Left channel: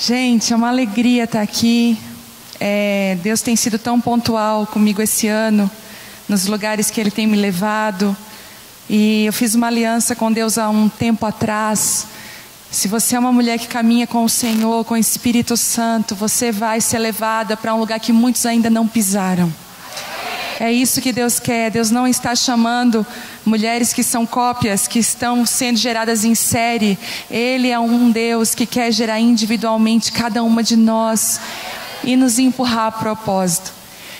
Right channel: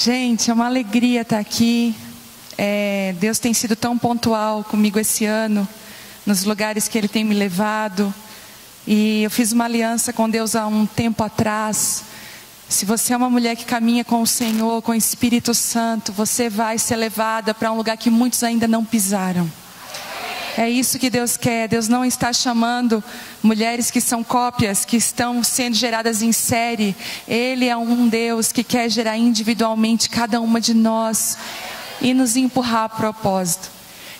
Gente, é uma alegria estar aqui. Deus tem sido tão pontual comigo esse ano, nos lugares que Ele tem me levado. E eu fiz uma aliança com Deus há um tempo atrás. Se você é uma mulher que caminha com o Senhor, com o Espírito Santo, você vai ser levada para um lugar que muitos ainda não pisaram. É isso que Deus quer. Deus não está chamando mulheres que são cópias, que estão sendo geradas em série. Ele é um Deus que quer gerar individualmente cada uma de nós e nos empurrar a propósito.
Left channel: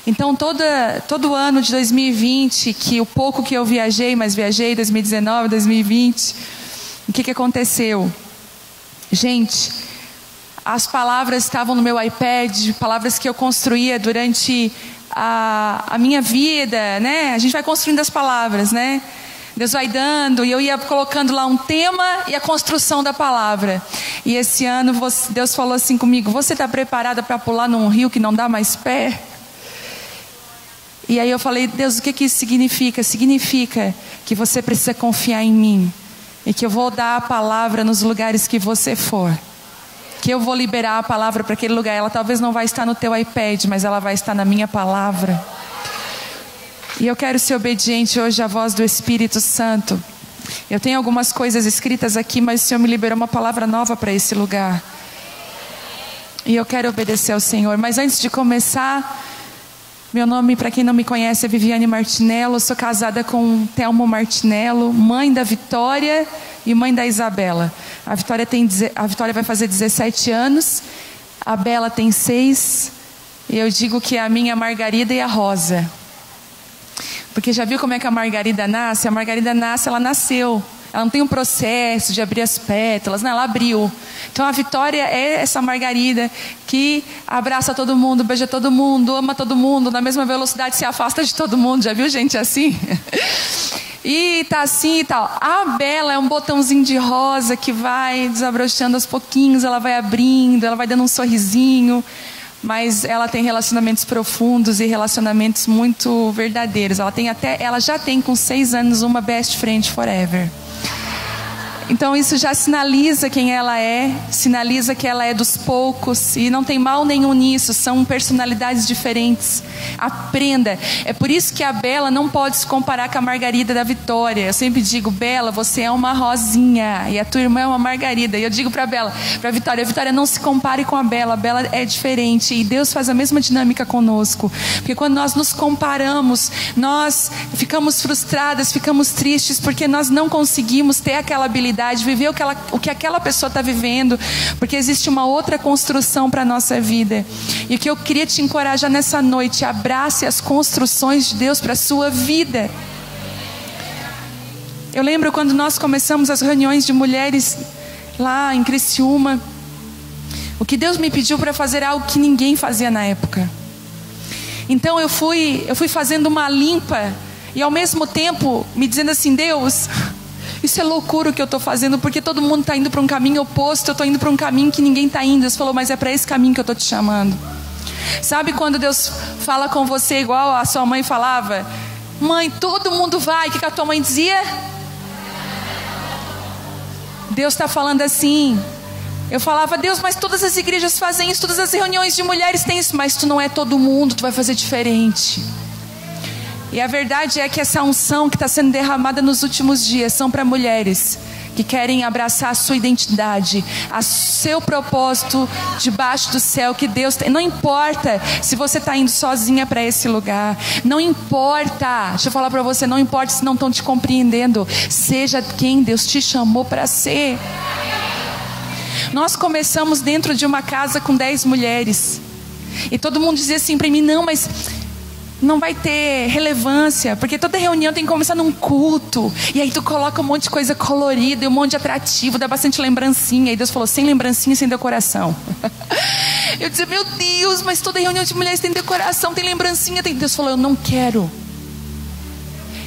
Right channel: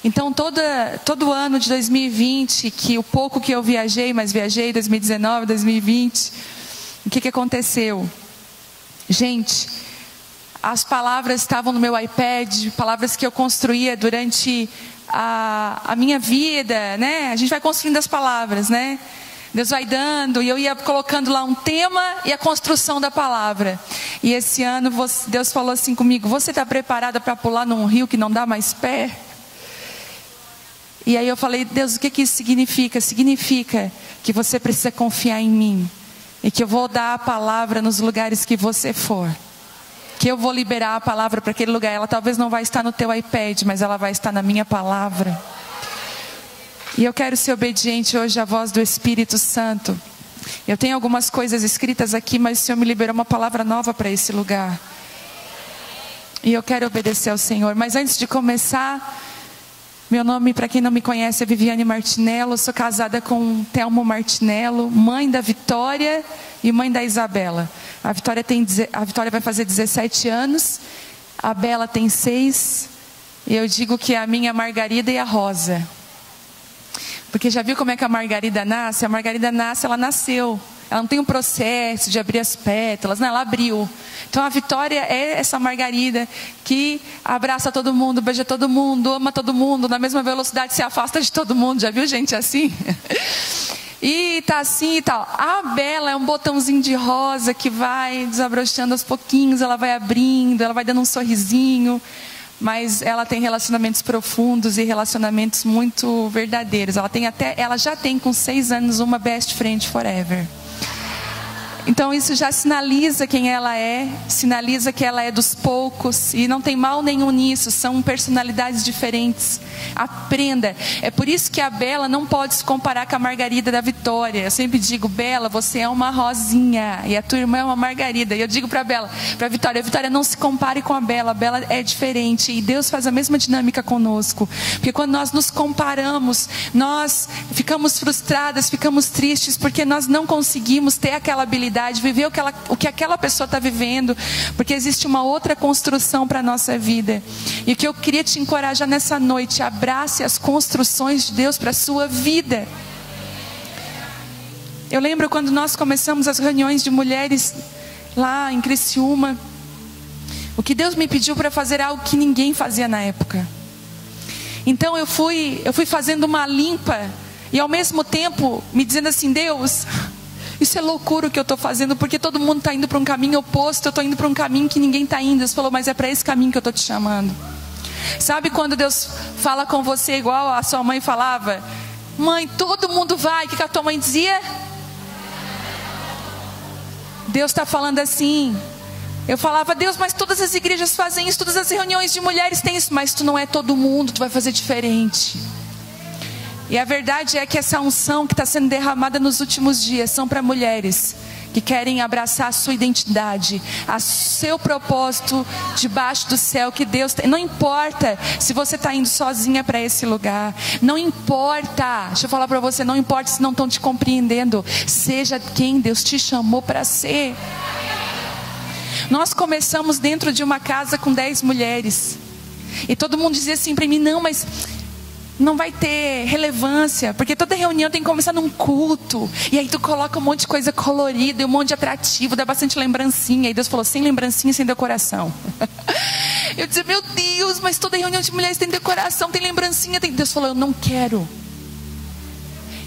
Então todo ano de 2020, que o pouco que eu viajei, mas viajei 2019, 2020, o que aconteceu? Gente, as palavras estavam no meu iPad, palavras que eu construía durante a minha vida, né? A gente vai construindo as palavras, né? Deus vai dando, e eu ia colocando lá um tema e a construção da palavra. E esse ano Deus falou assim comigo: você está preparada para pular num rio que não dá mais pé? E aí eu falei: Deus, o que isso significa? Significa que você precisa confiar em mim, e que eu vou dar a palavra nos lugares que você for. Que eu vou liberar a palavra para aquele lugar. Ela talvez não vai estar no teu iPad, mas ela vai estar na minha palavra. E eu quero ser obediente hoje à voz do Espírito Santo. Eu tenho algumas coisas escritas aqui, mas o Senhor me liberou uma palavra nova para esse lugar. E eu quero obedecer ao Senhor. Mas antes de começar, meu nome, para quem não me conhece, é Viviane Martinello. Eu sou casada com Telmo Martinello, mãe da Vitória e mãe da Isabela. A Vitória vai fazer 17 anos, a Bela tem 6, e eu digo que é a minha Margarida e a Rosa. Porque já viu como é que a Margarida nasce? A Margarida nasce, ela nasceu. Ela não tem um processo de abrir as pétalas, não, ela abriu. Então a Vitória é essa Margarida que abraça todo mundo, beija todo mundo, ama todo mundo, na mesma velocidade se afasta de todo mundo. Já viu gente assim? E tá assim e tal. A Bela é um botãozinho de rosa que vai desabrochando aos pouquinhos, ela vai abrindo, ela vai dando um sorrisinho. Mas ela tem relacionamentos profundos e relacionamentos muito verdadeiros. Ela já tem com 6 anos uma best friend forever. Então isso já sinaliza quem ela é, sinaliza que ela é dos poucos, e não tem mal nenhum nisso, são personalidades diferentes. Aprenda. É por isso que a Bela não pode se comparar com a Margarida da Vitória. Eu sempre digo: Bela, você é uma rosinha e a tua irmã é uma Margarida. E eu digo para a Vitória, não se compare com a Bela é diferente, e Deus faz a mesma dinâmica conosco. Porque quando nós nos comparamos, nós ficamos frustradas, ficamos tristes, porque nós não conseguimos ter aquela habilidade, viver o que aquela pessoa está vivendo, porque existe uma outra construção para a nossa vida. E o que eu queria te encorajar nessa noite: abrace as construções de Deus para a sua vida. Eu lembro quando nós começamos as reuniões de mulheres lá em Criciúma, o que Deus me pediu para fazer algo que ninguém fazia na época. Então eu fui fazendo uma limpa, e ao mesmo tempo me dizendo assim: Deus, isso é loucura o que eu estou fazendo, porque todo mundo está indo para um caminho oposto, eu estou indo para um caminho que ninguém está indo. Deus falou: mas é para esse caminho que eu estou te chamando. Sabe quando Deus fala com você igual a sua mãe falava? Mãe, todo mundo vai. O que a tua mãe dizia? Deus está falando assim. Eu falava: Deus, mas todas as igrejas fazem isso, todas as reuniões de mulheres têm isso. Mas tu não é todo mundo, tu vai fazer diferente. E a verdade é que essa unção que está sendo derramada nos últimos dias são para mulheres que querem abraçar a sua identidade, a seu propósito debaixo do céu que Deus tem. Não importa se você está indo sozinha para esse lugar, não importa, deixa eu falar para você, não importa se não estão te compreendendo, seja quem Deus te chamou para ser. Nós começamos dentro de uma casa com 10 mulheres, e todo mundo dizia assim para mim: não, mas não vai ter relevância, porque toda reunião tem que começar num culto, e aí tu coloca um monte de coisa colorida e um monte de atrativo, dá bastante lembrancinha. E Deus falou: sem lembrancinha, sem decoração. Eu dizia: meu Deus, mas toda reunião de mulheres tem decoração, tem lembrancinha, tem... Deus falou: eu não quero.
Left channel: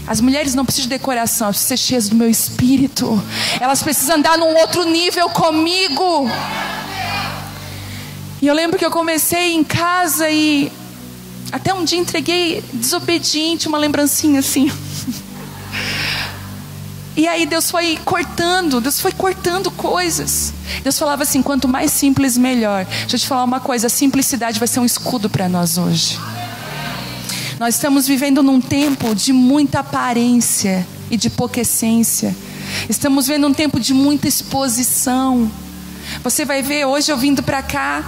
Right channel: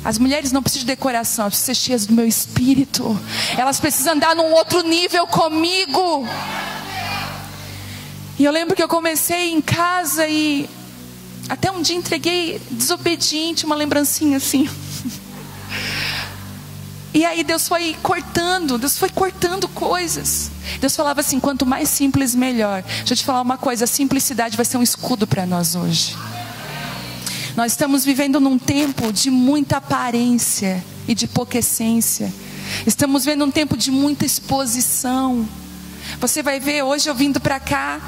As mulheres não precisam de decoração, elas precisam ser cheias do meu espírito, elas precisam andar num outro nível comigo. E eu lembro que eu comecei em casa e até um dia entreguei desobediente uma lembrancinha assim. E aí Deus foi cortando coisas. Deus falava assim, quanto mais simples, melhor. Deixa eu te falar uma coisa, a simplicidade vai ser um escudo para nós hoje. Nós estamos vivendo num tempo de muita aparência e de pouca essência. Estamos vendo um tempo de muita exposição. Você vai ver, hoje eu vindo para cá,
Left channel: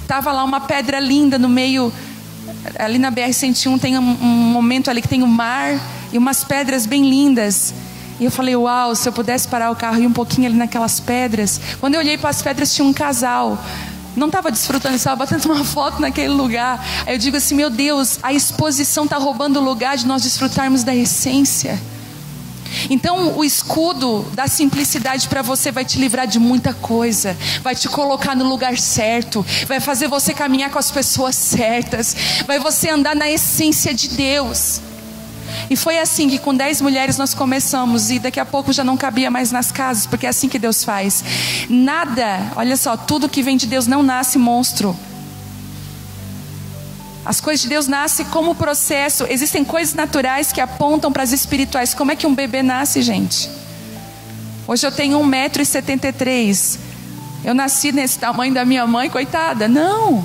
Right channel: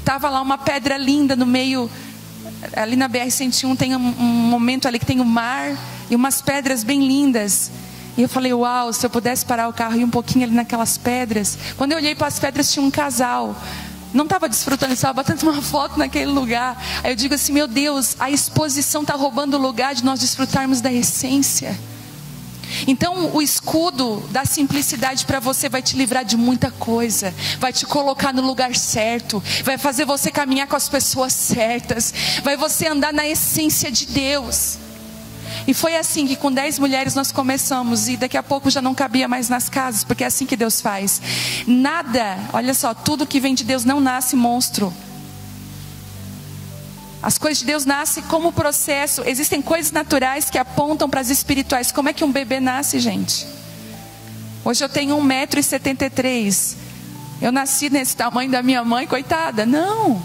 estava lá uma pedra linda no meio, ali na BR-101 tem um momento ali que tem o mar e umas pedras bem lindas. E eu falei, uau, se eu pudesse parar o carro e ir um pouquinho ali naquelas pedras. Quando eu olhei para as pedras tinha um casal. Não estava desfrutando, estava batendo uma foto naquele lugar. Aí eu digo assim, meu Deus, a exposição está roubando o lugar de nós desfrutarmos da essência. Então o escudo da simplicidade para você vai te livrar de muita coisa. Vai te colocar no lugar certo. Vai fazer você caminhar com as pessoas certas. Vai você andar na essência de Deus. E foi assim que com 10 mulheres nós começamos. E daqui a pouco já não cabia mais nas casas. Porque é assim que Deus faz. Nada, olha só, tudo que vem de Deus não nasce monstro. As coisas de Deus nascem como processo. Existem coisas naturais que apontam para as espirituais. Como é que um bebê nasce, gente? Hoje eu tenho 1,73 m. Eu nasci nesse tamanho da minha mãe, coitada? Não.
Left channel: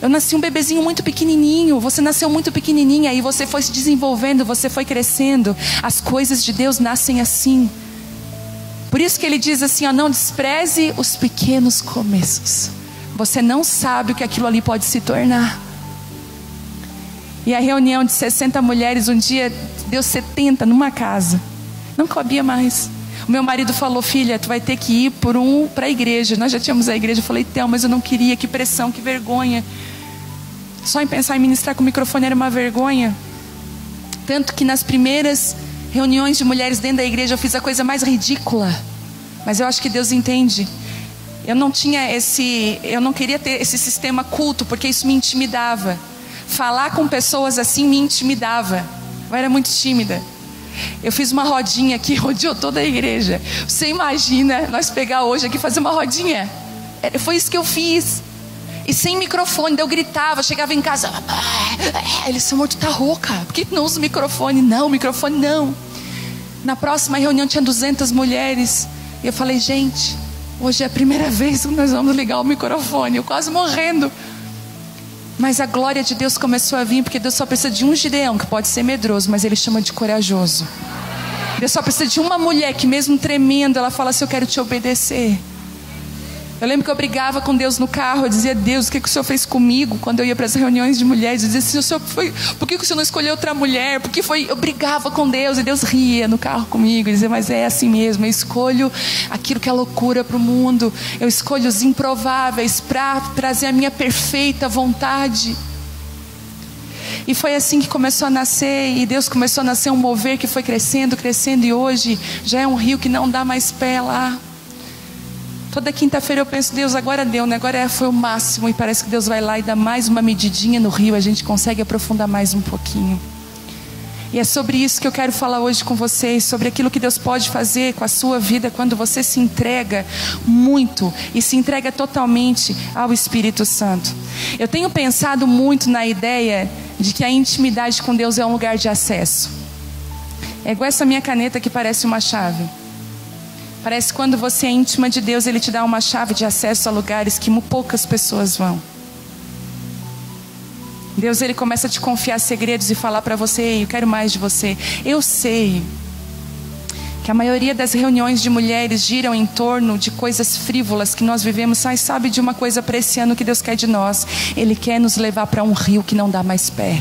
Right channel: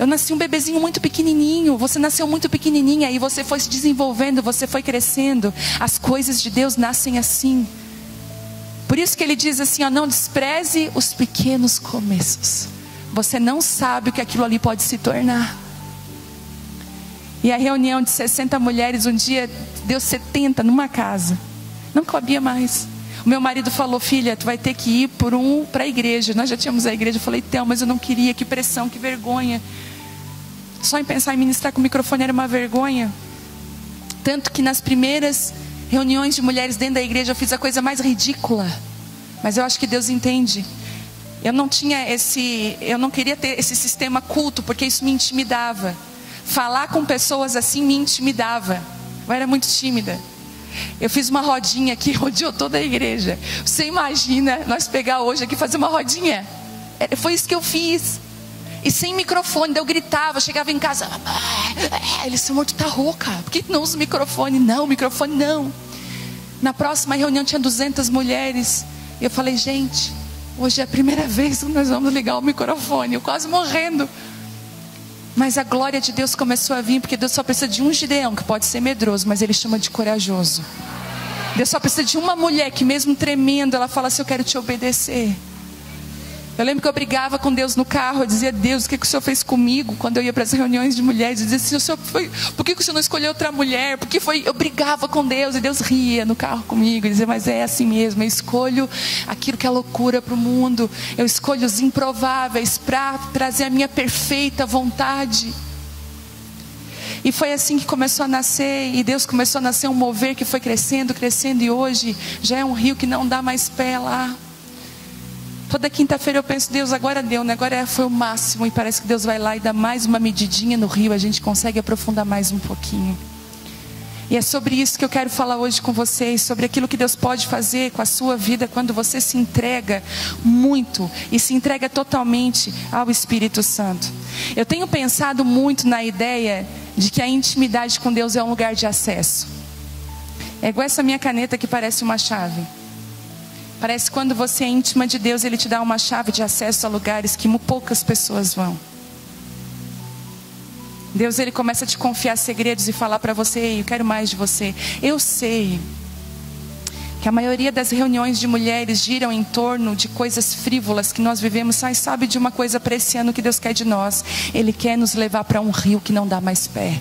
Eu nasci um bebezinho muito pequenininho. Você nasceu muito pequenininha e você foi se desenvolvendo, você foi crescendo. As coisas de Deus nascem assim. Por isso que ele diz assim, ó, não despreze os pequenos começos. Você não sabe o que aquilo ali pode se tornar. E a reunião de 60 mulheres, um dia deu 70 numa casa. Não cabia mais. O meu marido falou, filha, tu vai ter que ir para a igreja. Nós já tínhamos a igreja. Eu falei, Théo, mas eu não queria, que pressão, que vergonha. Só em pensar em ministrar com o microfone era uma vergonha. Tanto que nas primeiras reuniões de mulheres dentro da igreja eu fiz a coisa mais ridícula. Mas eu acho que Deus entende. Eu não queria ter esse sistema culto, porque isso me intimidava. Falar com pessoas assim me intimidava. Eu era muito tímida. Eu fiz uma rodinha aqui, rodeou toda a igreja. Você imagina nós pegar hoje aqui e fazer uma rodinha? Foi isso que eu fiz. E sem microfone, eu gritava, chegava em casa. Ele disse, amor, tu tá rouca. Por que não usa o microfone? Não, microfone não. Na próxima reunião tinha 200 mulheres. E eu falei, gente, hoje é a primeira vez que nós vamos ligar o microfone. Eu quase morrendo. Mas a glória de Deus começou a vir, porque Deus só precisa de um Gideão, que pode ser medroso, mas Ele chama de corajoso. Deus só precisa de uma mulher que mesmo tremendo, ela fala assim, eu quero te obedecer. Eu lembro que eu brigava com Deus no carro, eu dizia, Deus, o que o Senhor fez comigo? Quando eu ia para as reuniões de mulheres, eu dizia, por que o Senhor não escolheu outra mulher? Porque eu brigava com Deus, e Deus ria no carro comigo, e dizia, mas é assim mesmo, eu escolho aquilo que é loucura para o mundo, eu escolho os improváveis para trazer a minha perfeita vontade. E foi assim que começou a nascer, e Deus começou a nascer um mover que foi crescendo, crescendo, e hoje já é um rio que não dá mais pé lá. Toda quinta-feira eu penso, Deus, agora deu, né? Agora foi o máximo. E parece que Deus vai lá e dá mais uma medidinha no rio. A gente consegue aprofundar mais um pouquinho. E é sobre isso que eu quero falar hoje com vocês. Sobre aquilo que Deus pode fazer com a sua vida quando você se entrega muito e se entrega totalmente ao Espírito Santo. Eu tenho pensado muito na ideia de que a intimidade com Deus é um lugar de acesso. É igual essa minha caneta que parece uma chave. Parece que quando você é íntima de Deus, Ele te dá uma chave de acesso a lugares que poucas pessoas vão. Deus, Ele começa a te confiar segredos e falar para você, eu quero mais de você. Eu sei que a maioria das reuniões de mulheres giram em torno de coisas frívolas que nós vivemos, mas sabe de uma coisa para esse ano que Deus quer de nós? Ele quer nos levar para um rio que não dá mais pé.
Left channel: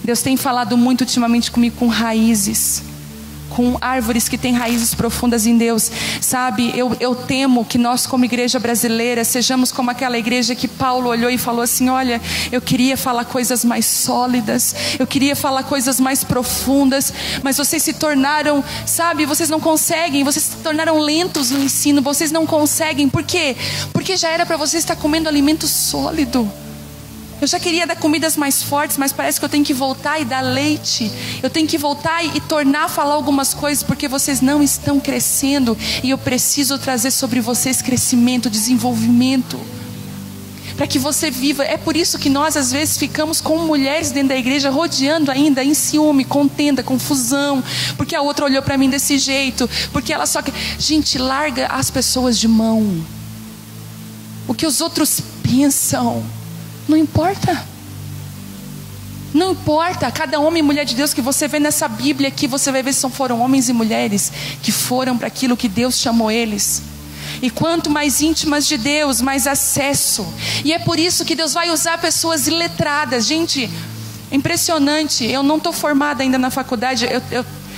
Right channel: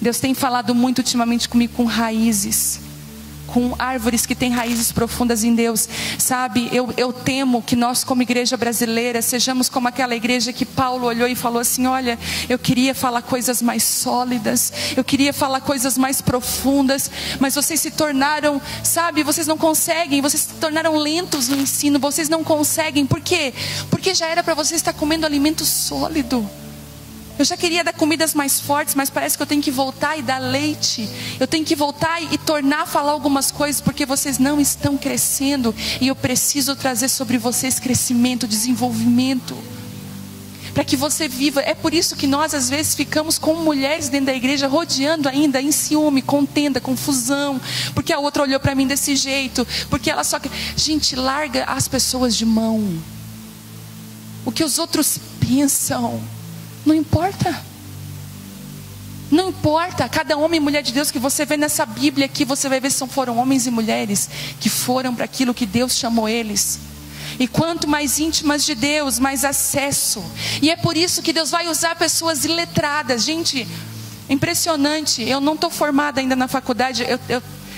Deus tem falado muito ultimamente comigo com raízes, com árvores que têm raízes profundas em Deus. Sabe, eu temo que nós como igreja brasileira sejamos como aquela igreja que Paulo olhou e falou assim, olha, eu queria falar coisas mais sólidas, eu queria falar coisas mais profundas, mas vocês se tornaram, sabe, vocês não conseguem, vocês se tornaram lentos no ensino, vocês não conseguem. Por quê? Porque já era para você estar comendo alimento sólido. Eu já queria dar comidas mais fortes, mas parece que eu tenho que voltar e dar leite. Eu tenho que voltar e tornar a falar algumas coisas, porque vocês não estão crescendo. E eu preciso trazer sobre vocês crescimento, desenvolvimento. para que você viva. É por isso que nós às vezes ficamos com mulheres dentro da igreja, rodeando ainda em ciúme, contenda, confusão, porque a outra olhou para mim desse jeito, porque ela só quer... Gente, larga as pessoas de mão. O que os outros pensam não importa. Não importa. Cada homem e mulher de Deus que você vê nessa Bíblia aqui, você vai ver se foram homens e mulheres que foram para aquilo que Deus chamou eles. E quanto mais íntimas de Deus, mais acesso. E é por isso que Deus vai usar pessoas iletradas. Gente, impressionante. Eu não estou formada ainda na faculdade.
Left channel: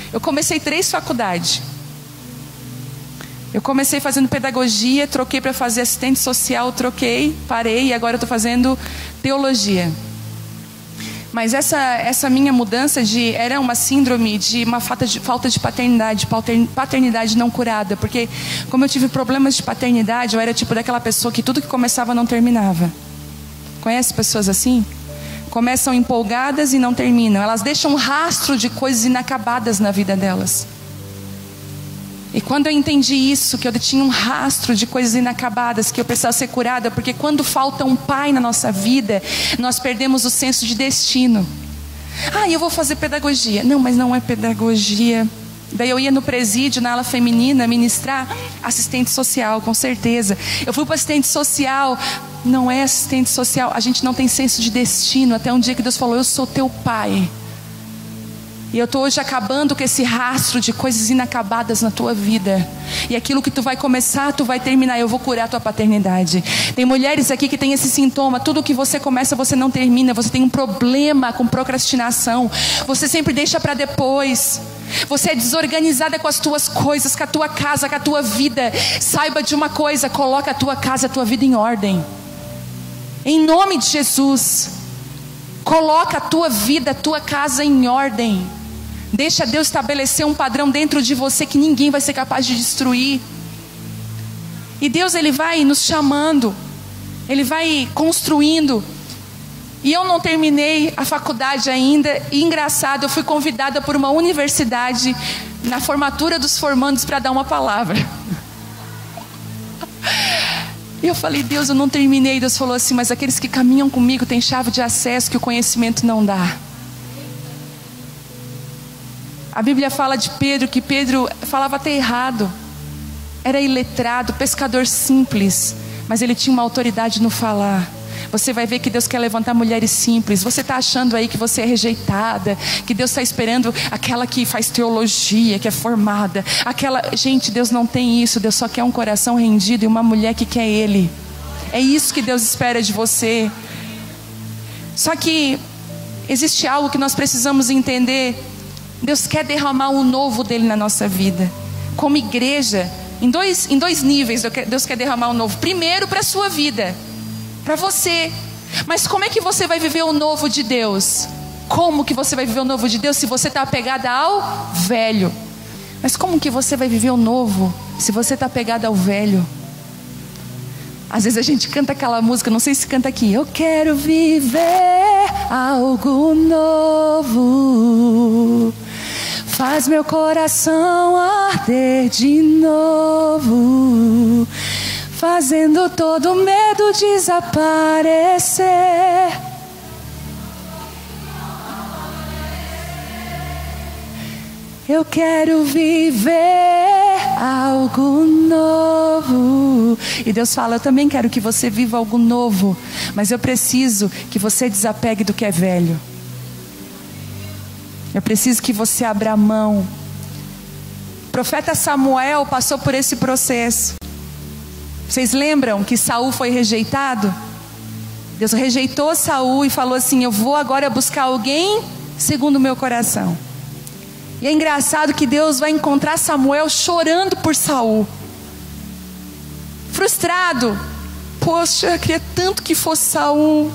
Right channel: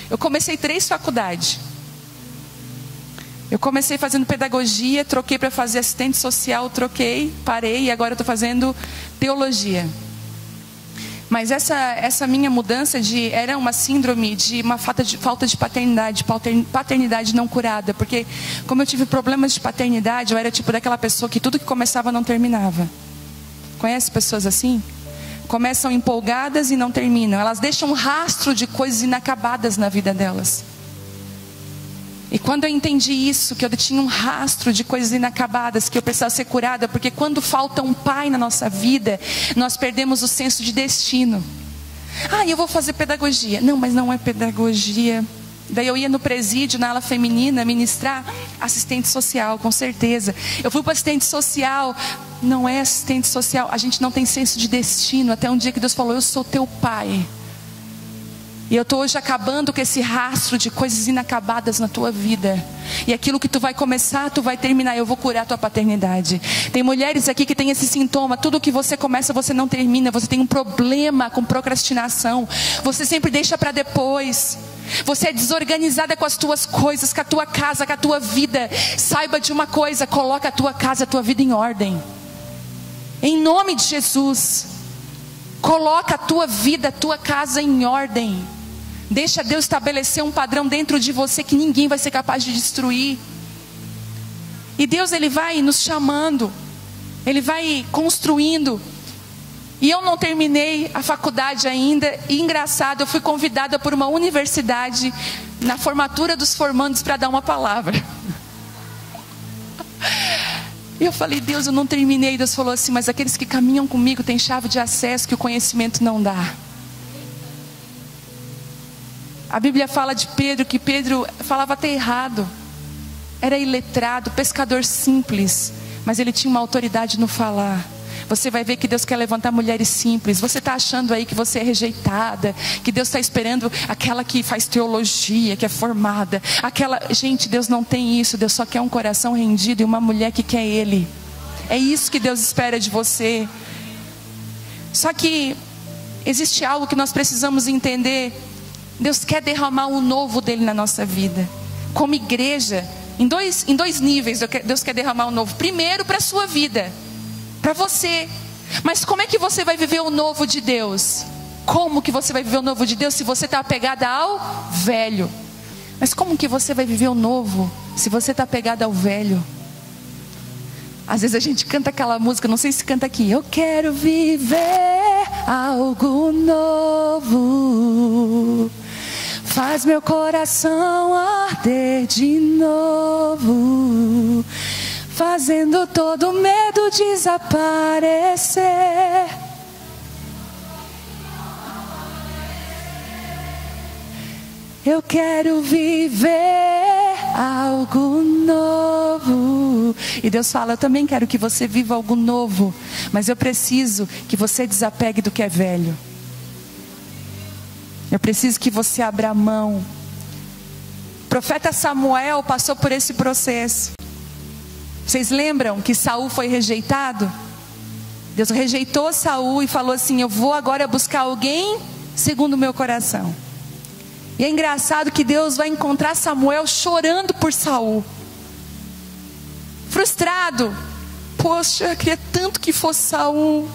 Eu comecei 3 faculdades. Eu comecei fazendo pedagogia, troquei para fazer assistente social, parei e agora eu estou fazendo teologia. Mas essa minha mudança era uma síndrome de uma falta de paternidade não curada. Porque como eu tive problemas de paternidade, eu era tipo daquela pessoa que tudo que começava não terminava. Conhece pessoas assim? Começam empolgadas e não terminam. Elas deixam um rastro de coisas inacabadas na vida delas. E quando eu entendi isso, que eu tinha um rastro de coisas inacabadas, que eu precisava ser curada, porque quando falta um pai na nossa vida, nós perdemos o senso de destino. Eu vou fazer pedagogia. Não, mas não é pedagogia. Daí eu ia no presídio, na ala feminina, ministrar assistente social, com certeza. Eu fui para assistente social. Não é assistente social. A gente não tem senso de destino. Até um dia que Deus falou, eu sou teu pai. E eu estou hoje acabando com esse rastro de coisas inacabadas na tua vida. E aquilo que tu vai começar, tu vai terminar. Eu vou curar a tua paternidade. Tem mulheres aqui que têm esse sintoma. Tudo que você começa, você não termina. Você tem um problema com procrastinação. Você sempre deixa para depois. Você é desorganizada com as tuas coisas, com a tua casa, com a tua vida. Saiba de uma coisa, coloca a tua casa, a tua vida em ordem. Em nome de Jesus. Coloca a tua vida, a tua casa em ordem. Deixa Deus estabelecer um padrão dentro de você que ninguém vai ser capaz de destruir. E Deus, Ele vai nos chamando. Ele vai construindo. E eu não terminei a faculdade ainda. E engraçado, eu fui convidada por uma universidade na formatura dos formandos para dar uma palavra. E eu falei, Deus, eu não terminei. Deus falou assim, mas aqueles que caminham comigo têm chave de acesso que o conhecimento não dá. A Bíblia fala de Pedro, que Pedro falava até errado. Era iletrado, pescador simples, mas ele tinha uma autoridade no falar. Você vai ver que Deus quer levantar mulheres simples. Você está achando aí que você é rejeitada, que Deus está esperando aquela que faz teologia, que é formada. Gente, Deus não tem isso. Deus só quer um coração rendido e uma mulher que quer Ele. É isso que Deus espera de você. Só que existe algo que nós precisamos entender. Deus quer derramar o novo dele na nossa vida. Como igreja, em dois níveis Deus quer derramar o novo. Primeiro, para a sua vida, para você. Mas como é que você vai viver o novo de Deus? Como que você vai viver o novo de Deus se você está apegada ao velho? Mas como que você vai viver o novo se você está apegada ao velho? Às vezes a gente canta aquela música, não sei se canta aqui. Eu quero viver algo novo. Faz meu coração arder de novo, fazendo todo medo desaparecer. Eu quero viver algo novo. E Deus fala, eu também quero que você viva algo novo, mas eu preciso que você desapegue do que é velho. Eu preciso que você abra a mão. O profeta Samuel passou por esse processo. Vocês lembram que Saul foi rejeitado? Deus rejeitou Saul e falou assim, eu vou agora buscar alguém segundo o meu coração. E é engraçado que Deus vai encontrar Samuel chorando por Saul. Frustrado. Poxa, queria tanto que fosse Saul.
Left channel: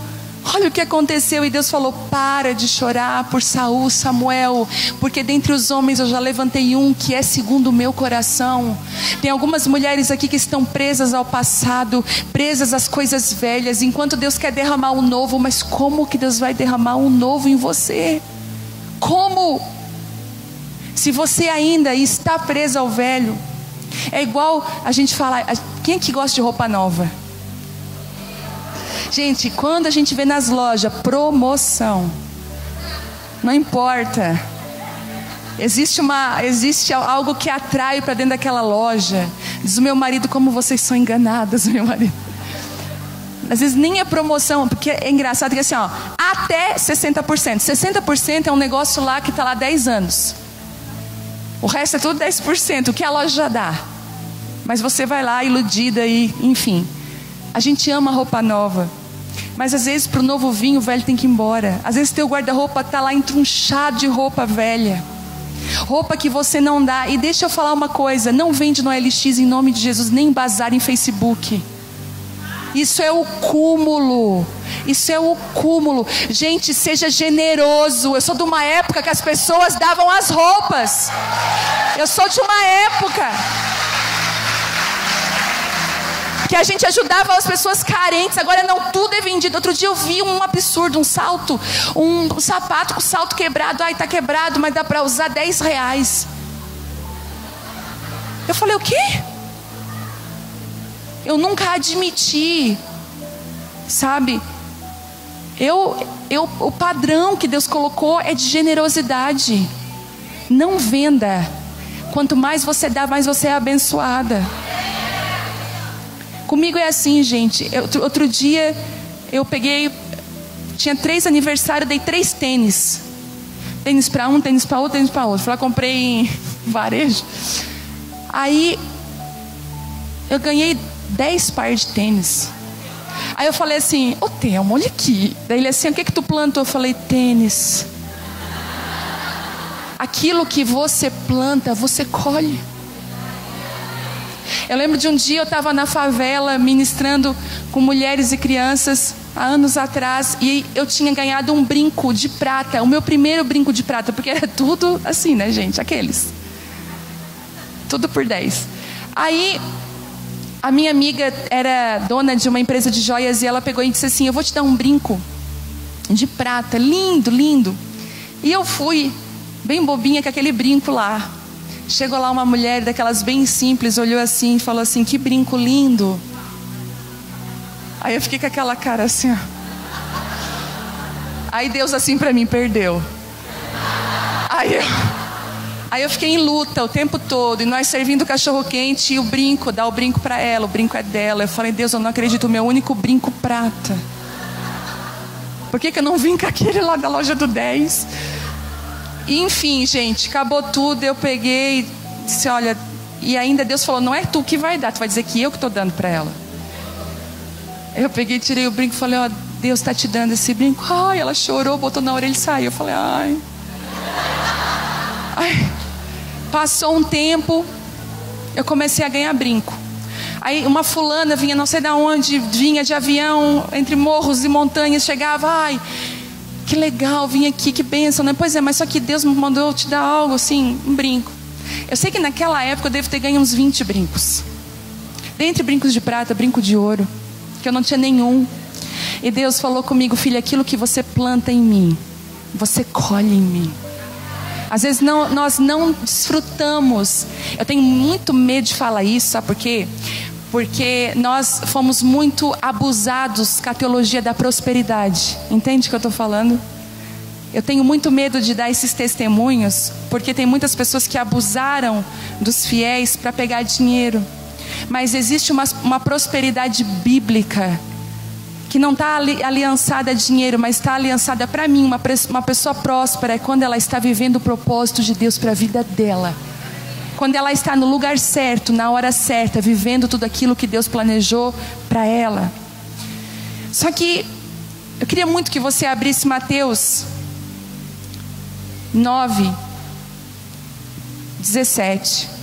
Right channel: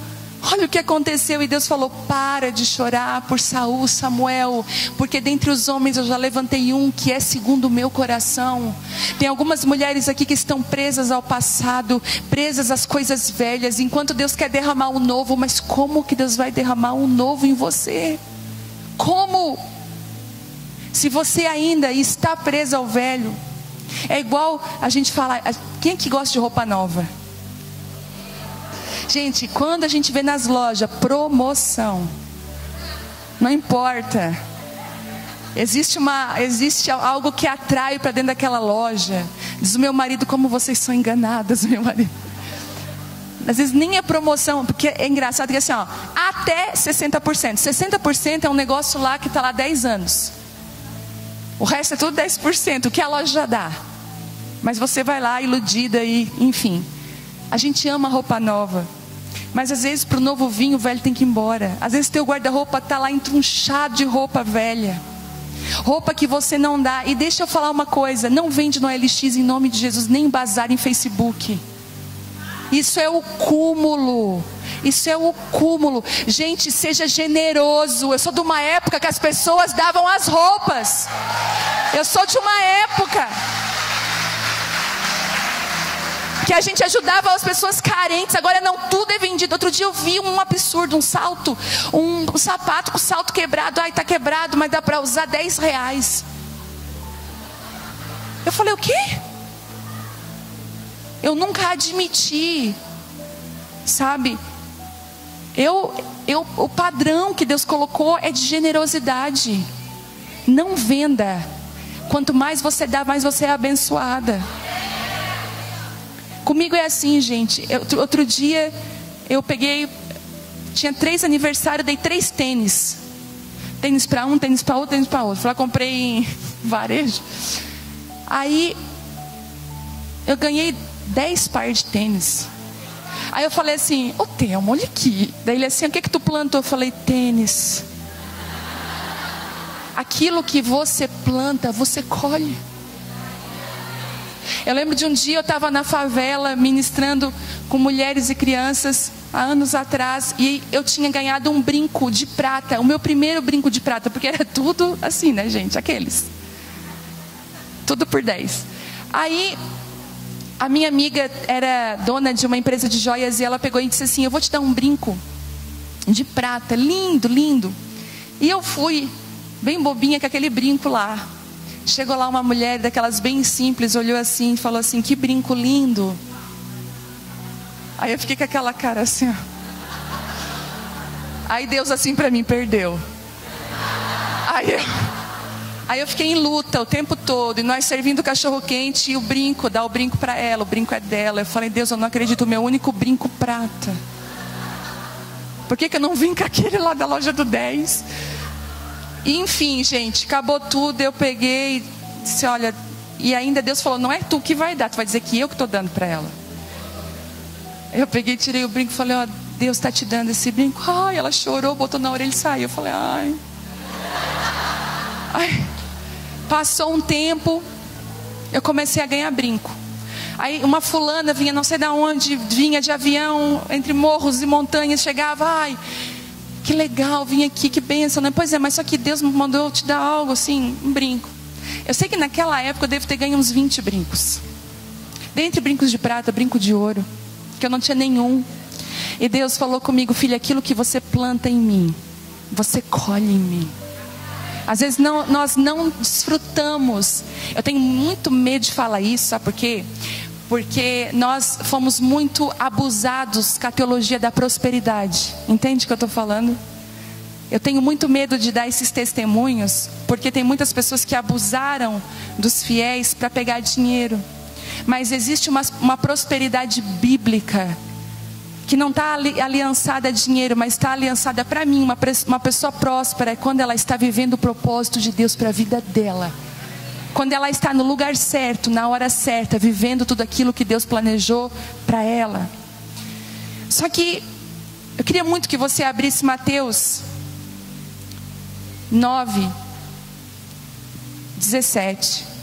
Olha o que aconteceu. E Deus falou, para de chorar por Saul, Samuel, porque dentre os homens eu já levantei um que é segundo o meu coração. Tem algumas mulheres aqui que estão presas ao passado, presas às coisas velhas, enquanto Deus quer derramar o novo. Mas como que Deus vai derramar o novo em você? Como? Se você ainda está preso ao velho. É igual a gente falar, quem é que gosta de roupa nova? Gente, quando a gente vê nas lojas promoção, não importa, existe algo que atrai para dentro daquela loja. Diz o meu marido: como vocês são enganadas, meu marido. Às vezes nem é promoção, porque é engraçado, é assim, ó, até 60%. 60% é um negócio lá que está lá há 10 anos. O resto é tudo 10%, o que a loja já dá. Mas você vai lá iludida e, enfim. A gente ama roupa nova. Mas às vezes para o novo vinho, o velho tem que ir embora. Às vezes teu guarda-roupa está lá entrunchado de roupa velha. Roupa que você não dá. E deixa eu falar uma coisa, não vende no OLX em nome de Jesus, nem bazar em Facebook. Isso é o cúmulo. Isso é o cúmulo. Gente, seja generoso. Eu sou de uma época que as pessoas davam as roupas. Eu sou de uma época que a gente ajudava as pessoas carentes. Agora não, tudo é vendido. Outro dia eu vi um absurdo, um salto, um sapato com salto quebrado. Ai, tá quebrado, mas dá pra usar R$10. Eu falei: o quê? Eu nunca admiti, sabe? O padrão que Deus colocou é de generosidade. Não venda. Quanto mais você dá, mais você é abençoada. Comigo é assim, gente. Outro dia eu peguei, tinha 3 aniversários, dei 3 tênis. Tênis para um, tênis para outro, tênis para outro. Lá comprei em varejo. Aí eu ganhei 10 pares de tênis. Aí eu falei assim: ô Telmo, olha aqui. Daí ele assim: o que que tu plantou? Eu falei: tênis. Aquilo que você planta, você colhe. Eu lembro de um dia eu estava na favela ministrando com mulheres e crianças há anos atrás, e eu tinha ganhado um brinco de prata, o meu primeiro brinco de prata, porque era tudo assim, né, gente? Aqueles. Tudo por 10. Aí a minha amiga era dona de uma empresa de joias e ela pegou e disse assim: eu vou te dar um brinco de prata, lindo, lindo. E eu fui bem bobinha com aquele brinco lá. Chegou lá uma mulher daquelas bem simples, olhou assim e falou assim: que brinco lindo. Aí eu fiquei com aquela cara assim, ó. Aí Deus assim pra mim: perdeu. Aí eu fiquei em luta o tempo todo, e nós servindo cachorro quente, e o brinco, dá o brinco pra ela, o brinco é dela. Eu falei: Deus, eu não acredito, o meu único brinco prata. Por que eu não vim com aquele lá da loja do 10? E, enfim, gente, acabou tudo, eu peguei, disse: olha, e ainda Deus falou: não é tu que vai dar, tu vai dizer que eu que estou dando para ela. Eu peguei, tirei o brinco e falei: ó, Deus está te dando esse brinco. Ai, ela chorou, botou na orelha e saiu. Eu falei: ai. Passou um tempo, eu comecei a ganhar brinco. Aí uma fulana vinha, não sei de onde, vinha de avião, entre morros e montanhas, chegava: ai, que legal, vim aqui, que bênção, né? Pois é, mas só que Deus me mandou te dar algo assim, um brinco. Eu sei que naquela época eu devo ter ganho uns 20 brincos. Dentre brincos de prata, brinco de ouro, que eu não tinha nenhum. E Deus falou comigo: filha, aquilo que você planta em mim, você colhe em mim. Às vezes nós não desfrutamos. Eu tenho muito medo de falar isso, sabe por quê? Porque nós fomos muito abusados com a teologia da prosperidade. Entende o que eu estou falando? Eu tenho muito medo de dar esses testemunhos, porque tem muitas pessoas que abusaram dos fiéis para pegar dinheiro. Mas existe uma prosperidade bíblica que não está aliançada a dinheiro, mas está aliançada para mim. Uma pessoa próspera é quando ela está vivendo o propósito de Deus para a vida dela. Quando ela está no lugar certo, na hora certa, vivendo tudo aquilo que Deus planejou para ela. Só que eu queria muito que você abrisse Mateus 9:17.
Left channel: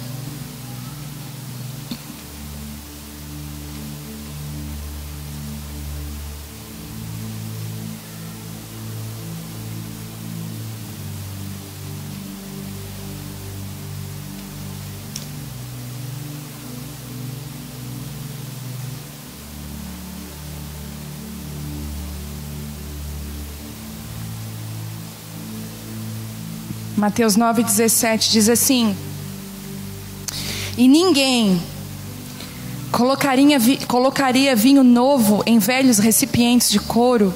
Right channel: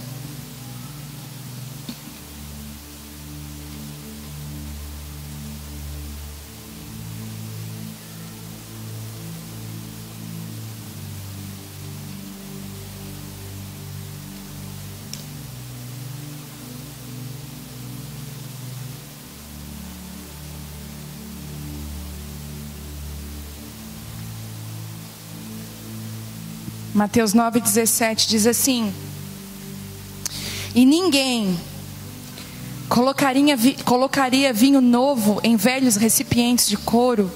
Mateus 9:17 diz assim: e ninguém colocaria vinho novo em velhos recipientes de couro,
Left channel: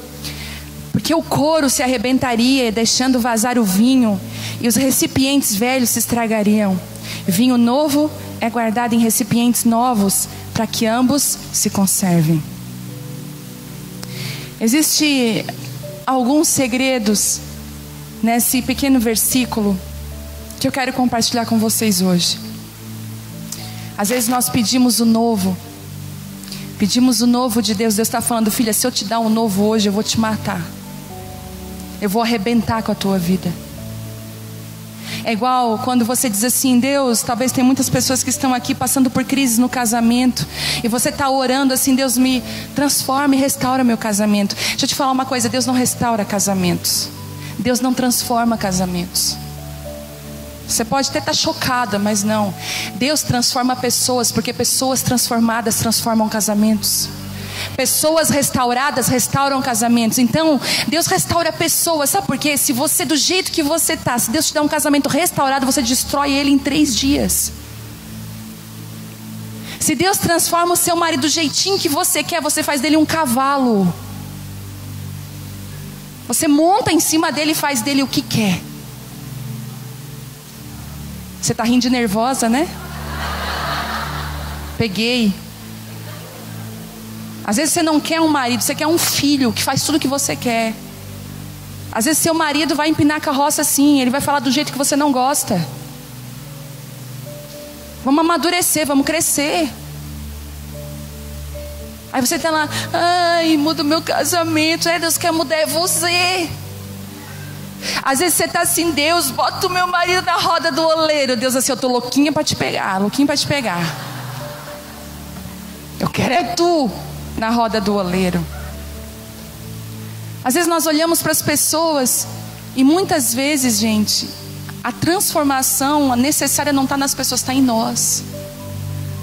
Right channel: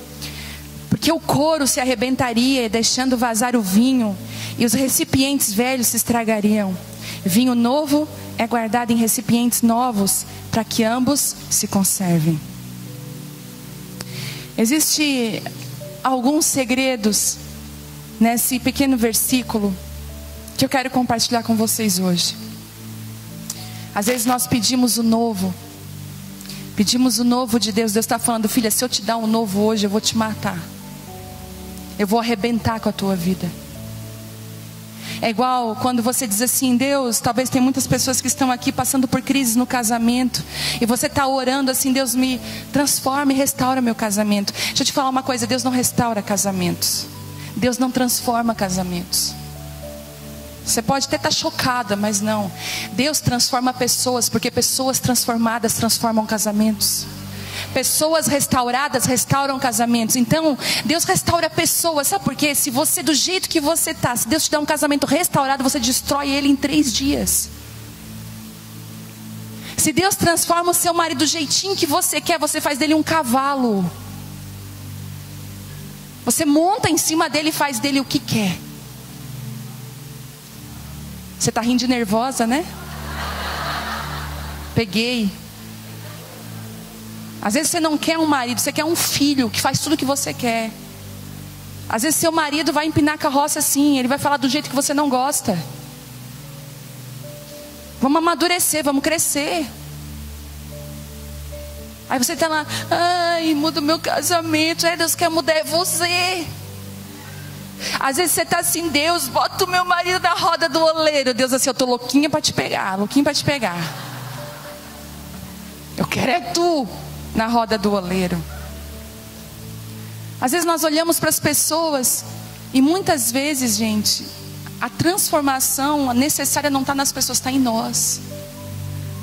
porque o couro se arrebentaria, deixando vazar o vinho, e os recipientes velhos se estragariam. Vinho novo é guardado em recipientes novos, para que ambos se conservem. Existem alguns segredos nesse pequeno versículo que eu quero compartilhar com vocês hoje. Às vezes nós pedimos o novo de Deus. Deus está falando: filha, se eu te dar um novo hoje, eu vou te matar. Eu vou arrebentar com a tua vida. É igual quando você diz assim: Deus, talvez tem muitas pessoas que estão aqui passando por crise no casamento, e você está orando assim: Deus, me transforma e restaura meu casamento. Deixa eu te falar uma coisa: Deus não restaura casamentos. Deus não transforma casamentos. Você pode até estar chocada, mas não. Deus transforma pessoas, porque pessoas transformadas transformam casamentos. Pessoas restauradas restauram casamentos. Então, Deus restaura pessoas. Sabe por quê? Se você, do jeito que você está, se Deus te dá um casamento restaurado, você destrói ele em 3 dias. Se Deus transforma o seu marido do jeitinho que você quer, você faz dele um cavalo. Você monta em cima dele e faz dele o que quer. Você está rindo de nervosa, né? Peguei. Às vezes você não quer um marido, você quer um filho que faz tudo o que você quer. Às vezes seu marido vai empinar a carroça assim, ele vai falar do jeito que você não gosta. Vamos amadurecer, vamos crescer. Aí você está lá: ai, muda o meu casamento. Ai, Deus quer mudar, é você. Às vezes você está assim: Deus, bota o meu marido na roda do oleiro. Deus assim: eu estou louquinha para te pegar, louquinha para te pegar. Eu quero é tu na roda do oleiro. Às vezes nós olhamos para as pessoas e muitas vezes, gente, a transformação necessária não está nas pessoas, está em nós.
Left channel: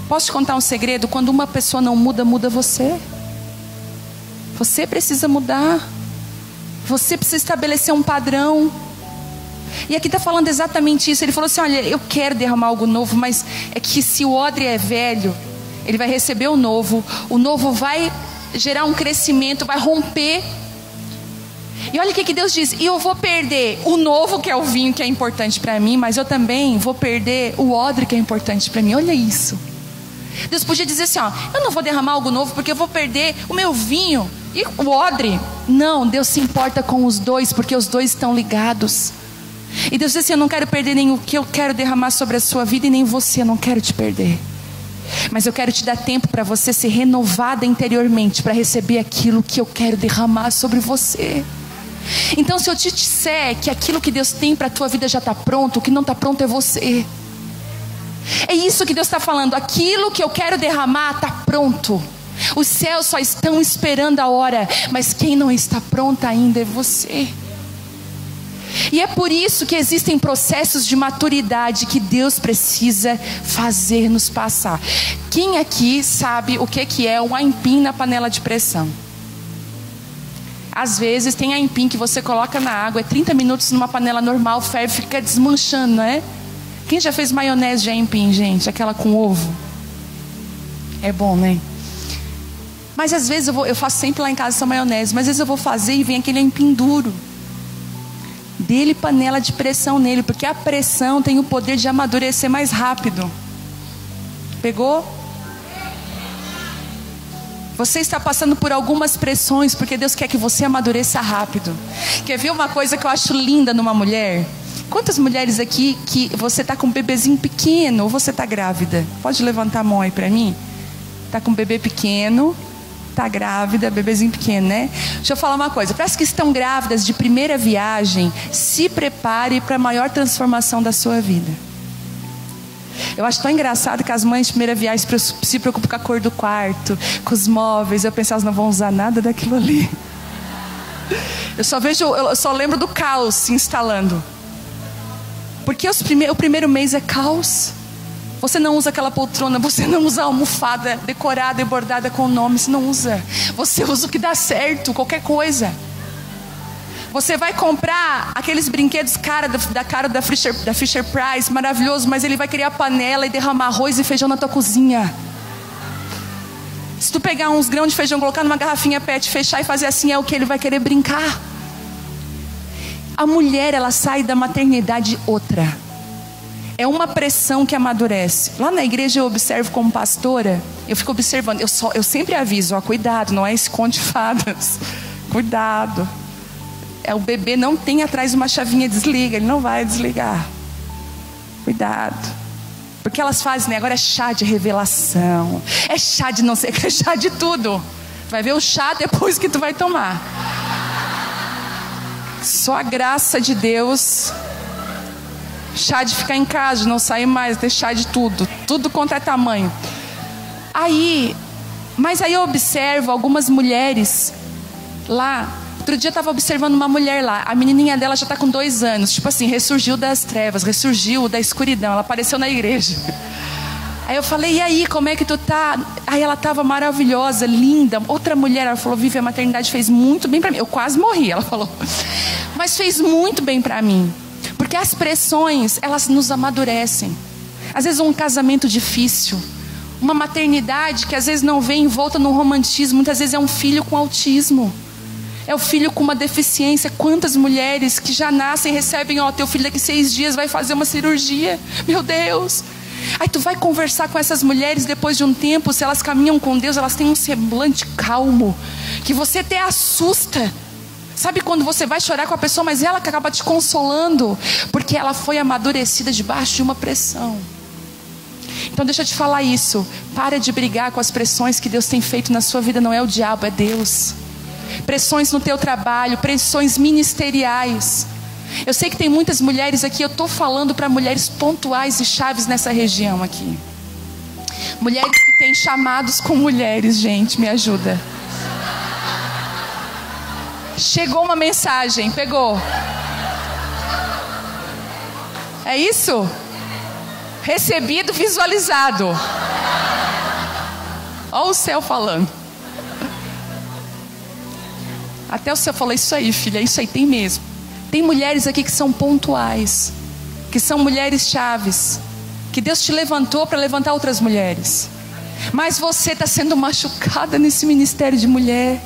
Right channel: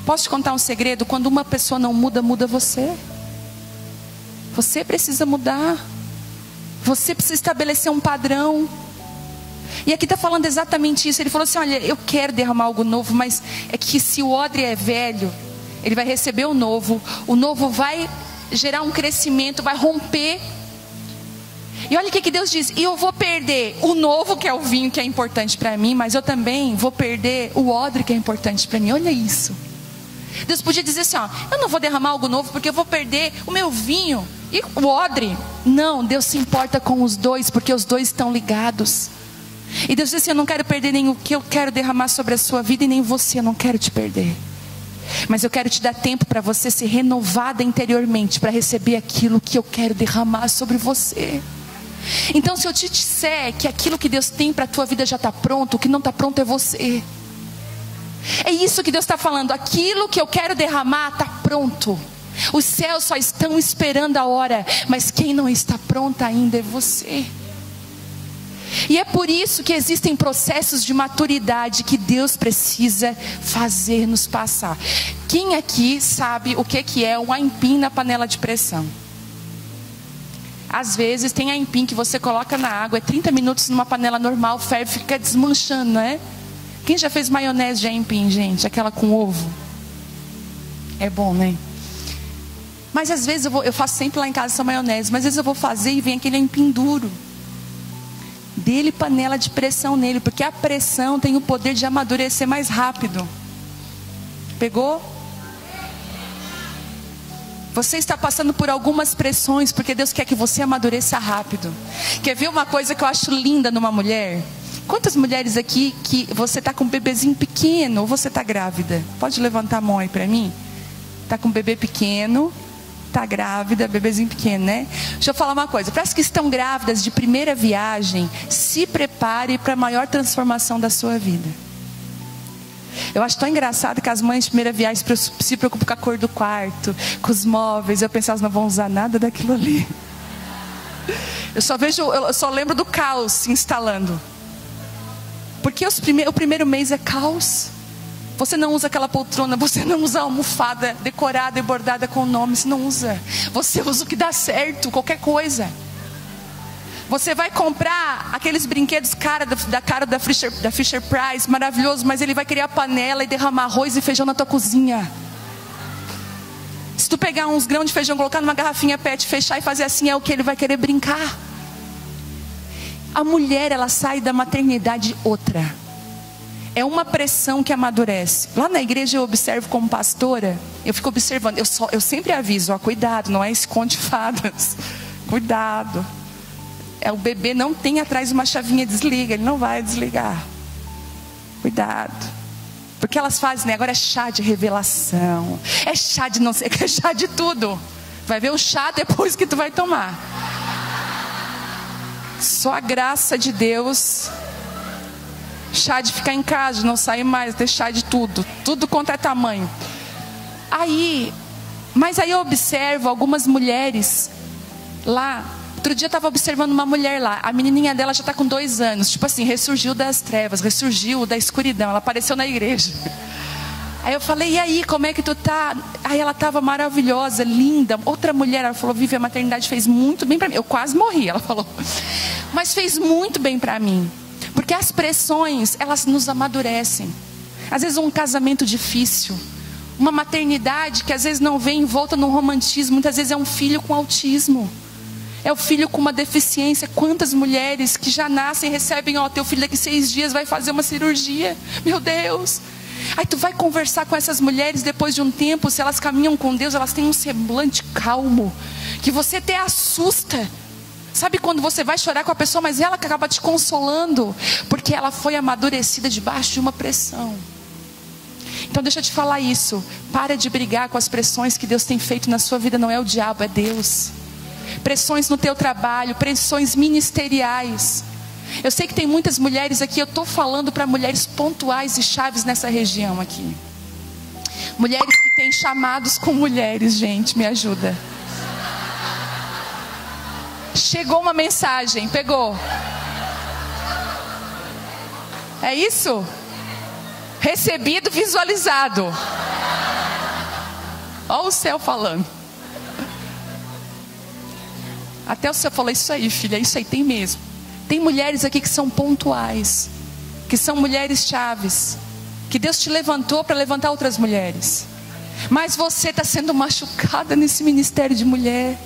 Posso te contar um segredo? Quando uma pessoa não muda, muda você. Você precisa mudar. Você precisa estabelecer um padrão. E aqui está falando exatamente isso. Ele falou assim: olha, eu quero derramar algo novo, mas é que se o odre é velho, ele vai receber o novo vai gerar um crescimento, vai romper. E olha o que Deus diz: e eu vou perder o novo, que é o vinho, que é importante para mim, mas eu também vou perder o odre, que é importante para mim. Olha isso. Deus podia dizer assim: ó, eu não vou derramar algo novo porque eu vou perder o meu vinho e o odre. Não, Deus se importa com os dois, porque os dois estão ligados. E Deus diz assim: eu não quero perder nem o que eu quero derramar sobre a sua vida, e nem você, eu não quero te perder. Mas eu quero te dar tempo para você ser renovada interiormente, para receber aquilo que eu quero derramar sobre você. Então, se eu te disser que aquilo que Deus tem para a tua vida já está pronto, o que não está pronto é você. É isso que Deus está falando: aquilo que eu quero derramar está pronto. Os céus só estão esperando a hora, mas quem não está pronto ainda é você. E é por isso que existem processos de maturidade que Deus precisa fazer-nos passar. Quem aqui sabe o que é um aipim na panela de pressão? Às vezes tem aipim que você coloca na água, é 30 minutos numa panela normal, ferve, fica desmanchando, não é? Quem já fez maionese de aipim, gente? Aquela com ovo? É bom, né? Mas às vezes eu faço sempre lá em casa essa maionese, mas às vezes eu vou fazer e vem aquele aipim duro. Dele panela de pressão nele, porque a pressão tem o poder de amadurecer mais rápido. Pegou? Você está passando por algumas pressões, porque Deus quer que você amadureça rápido. Quer ver uma coisa que eu acho linda numa mulher? Quantas mulheres aqui que você está com um bebezinho pequeno ou você está grávida? Pode levantar a mão aí para mim? Está com um bebê pequeno, está grávida, bebezinho pequeno, né? Deixa eu falar uma coisa. Para as que estão grávidas de primeira viagem, se prepare para a maior transformação da sua vida. Eu acho tão engraçado que as mães de primeira viagem se preocupam com a cor do quarto, com os móveis. Eu penso, elas não vão usar nada daquilo ali. Eu só lembro do caos se instalando. Porque o primeiro mês é caos. Você não usa aquela poltrona, você não usa a almofada decorada e bordada com nomes, não usa. Você usa o que dá certo, qualquer coisa. Você vai comprar aqueles brinquedos da cara da Fisher Price, maravilhoso, mas ele vai criar panela e derramar arroz e feijão na tua cozinha. Se tu pegar uns grãos de feijão, colocar numa garrafinha PET, fechar e fazer assim, é o que ele vai querer brincar. A mulher, ela sai da maternidade outra. É uma pressão que amadurece. Lá na igreja eu observo como pastora, eu fico observando, eu sempre aviso, ó, cuidado, não é esconde fadas. Cuidado. O bebê não tem atrás uma chavinha desliga, ele não vai desligar. Cuidado. Porque elas fazem, né? Agora é chá de revelação, é chá de não sei o que, é chá de tudo. Vai ver o chá depois que tu vai tomar. Só a graça de Deus. Chá de ficar em casa, de não sair mais, ter chá de tudo. Tudo contra tamanho. Mas aí eu observo algumas mulheres lá. Outro dia eu estava observando uma mulher lá. A menininha dela já está com 2 anos. Tipo assim, ressurgiu das trevas, ressurgiu da escuridão. Ela apareceu na igreja. Aí eu falei, e aí, como é que tu tá? Aí ela estava maravilhosa, linda. Outra mulher, ela falou, Vivi, a maternidade fez muito bem para mim. Eu quase morri, ela falou. Mas fez muito bem para mim. Porque as pressões, elas nos amadurecem. Às vezes um casamento difícil, uma maternidade que às vezes não vem envolta no romantismo, muitas vezes é um filho com autismo. É o filho com uma deficiência. Quantas mulheres que já nascem e recebem, ó, teu filho daqui 6 dias vai fazer uma cirurgia. Meu Deus. Aí tu vai conversar com essas mulheres depois de um tempo, se elas caminham com Deus, elas têm um semblante calmo, que você até assusta. Sabe quando você vai chorar com a pessoa, mas ela acaba te consolando, porque ela foi amadurecida debaixo de uma pressão. Então deixa eu te falar isso. Para de brigar com as pressões que Deus tem feito na sua vida. Não é o diabo, é Deus. Pressões no teu trabalho, pressões ministeriais. Eu sei que tem muitas mulheres aqui, eu estou falando para mulheres pontuais e chaves nessa região aqui. Mulheres que têm chamados com mulheres, gente, me ajuda. Chegou uma mensagem, pegou? É isso? Recebido, visualizado. Olha o céu falando. Até o céu falou, isso aí, filha, isso aí, tem mesmo. Tem mulheres aqui que são pontuais, que são mulheres chaves, que Deus te levantou para levantar outras mulheres. Mas você está sendo machucada nesse ministério de mulher.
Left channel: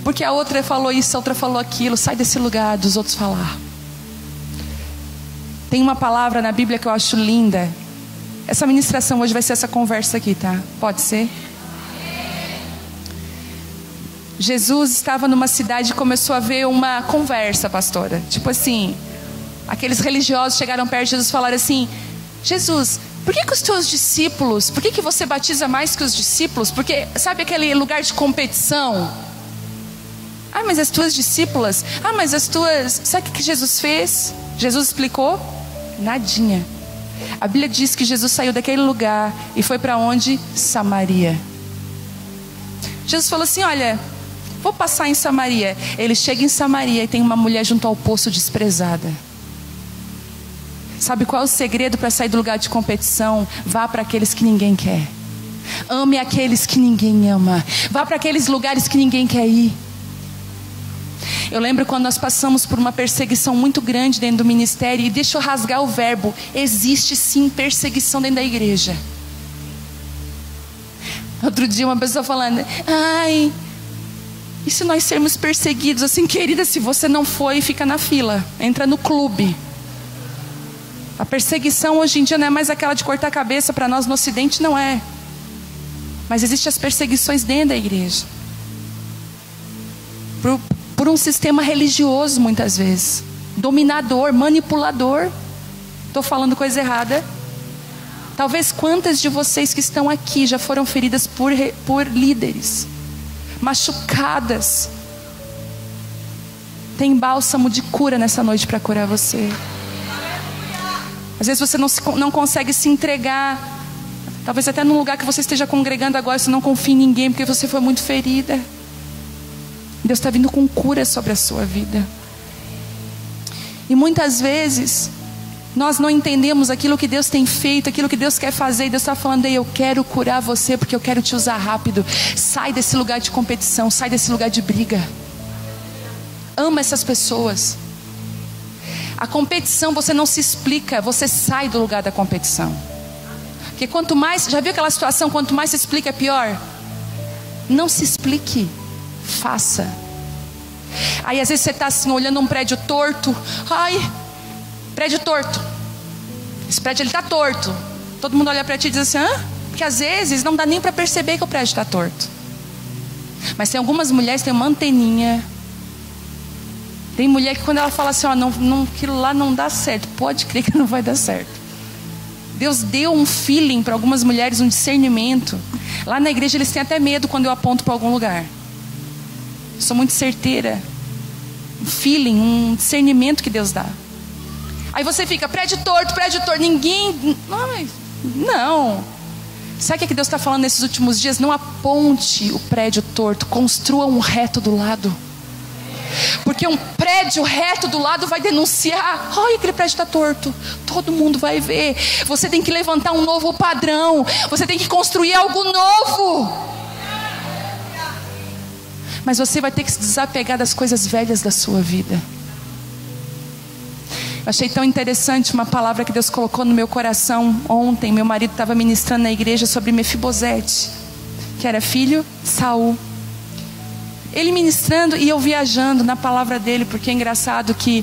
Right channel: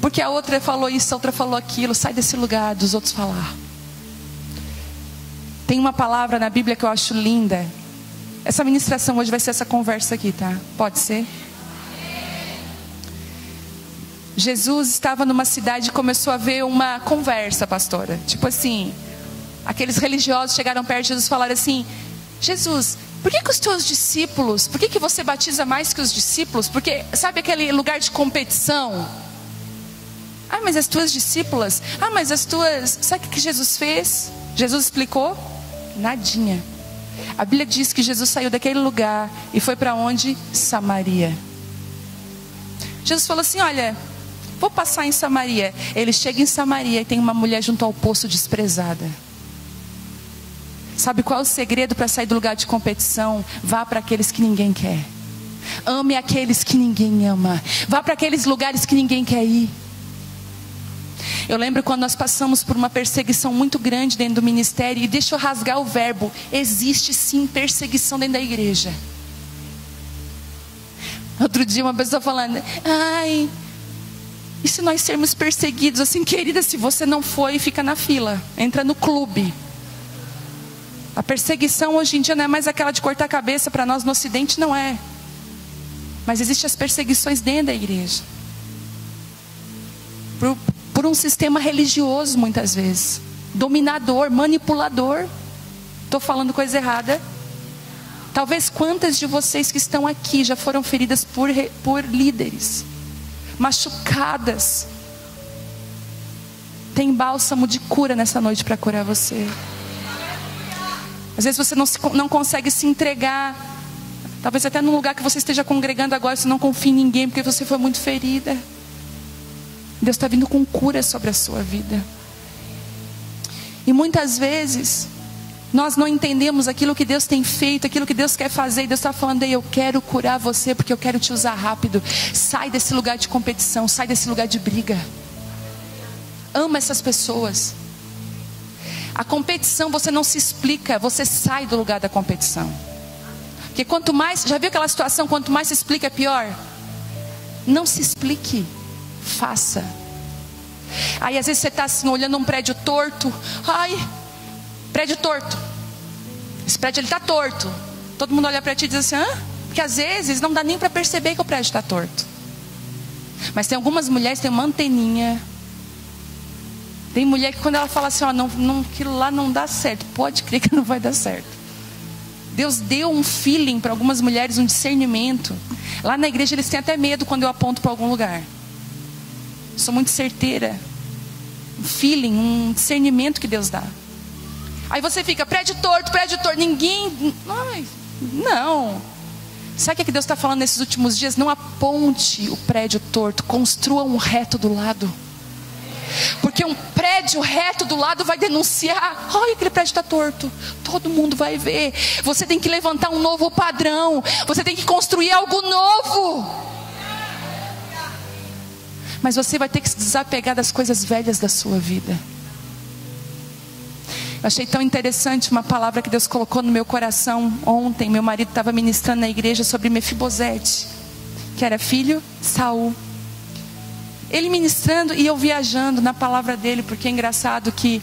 Porque a outra falou isso, a outra falou aquilo. Sai desse lugar dos outros falar. Tem uma palavra na Bíblia que eu acho linda. Essa ministração hoje vai ser essa conversa aqui, tá? Pode ser? Jesus estava numa cidade e começou a ver uma conversa, pastora. Tipo assim, aqueles religiosos chegaram perto de Jesus e falaram assim: Jesus, por que os teus discípulos, por que você batiza mais que os discípulos? Porque, sabe aquele lugar de competição? Ah, mas as tuas discípulas, mas as tuas... Sabe o que Jesus fez? Jesus explicou? Nadinha. A Bíblia diz que Jesus saiu daquele lugar e foi para onde? Samaria. Jesus falou assim, olha, vou passar em Samaria. Ele chega em Samaria e tem uma mulher junto ao poço desprezada. Sabe qual é o segredo para sair do lugar de competição? Vá para aqueles que ninguém quer. Ame aqueles que ninguém ama. Vá para aqueles lugares que ninguém quer ir. Eu lembro quando nós passamos por uma perseguição muito grande dentro do ministério. E deixa eu rasgar o verbo. Existe sim perseguição dentro da igreja. Outro dia uma pessoa falando, ai, e se nós sermos perseguidos? Assim, querida, se você não for, fica na fila, entra no clube. A perseguição hoje em dia não é mais aquela de cortar a cabeça. Para nós no ocidente não é. Mas existem as perseguições dentro da igreja. Por um sistema religioso muitas vezes. Dominador, manipulador. Estou falando coisa errada? Talvez quantas de vocês que estão aqui já foram feridas por líderes. Machucadas. Tem bálsamo de cura nessa noite para curar você. Às vezes você não consegue se entregar. Talvez até no lugar que você esteja congregando agora, você não confia em ninguém porque você foi muito ferida. Deus está vindo com cura sobre a sua vida. E muitas vezes nós não entendemos aquilo que Deus tem feito, aquilo que Deus quer fazer. E Deus está falando, eu quero curar você porque eu quero te usar rápido. Sai desse lugar de competição, sai desse lugar de briga. Ama essas pessoas. A competição você não se explica, você sai do lugar da competição. Porque quanto mais, já viu aquela situação, quanto mais se explica é pior? Não se explique, faça. Aí às vezes você está assim, olhando um prédio torto. Ai, prédio torto. Esse prédio ele está torto. Todo mundo olha para ti e diz assim, hã? Porque às vezes não dá nem para perceber que o prédio está torto. Mas tem algumas mulheres que têm uma anteninha. Tem mulher que quando ela fala assim, ó, não, aquilo lá não dá certo, pode crer que não vai dar certo. Deus deu um feeling para algumas mulheres, um discernimento. Lá na igreja eles têm até medo quando eu aponto para algum lugar. Sou muito certeira. Um feeling, um discernimento que Deus dá. Aí você fica, prédio torto, ninguém... Ai, não. Sabe o que Deus está falando nesses últimos dias? Não aponte o prédio torto, construa um reto do lado. Porque um prédio reto do lado vai denunciar. Ai, aquele prédio está torto. Todo mundo vai ver. Você tem que levantar um novo padrão. Você tem que construir algo novo. Mas você vai ter que se desapegar das coisas velhas da sua vida. Eu achei tão interessante uma palavra que Deus colocou no meu coração. Ontem meu marido estava ministrando na igreja sobre Mefibosete, que era filho de Saul. Ele ministrando e eu viajando na palavra dele, porque é engraçado que,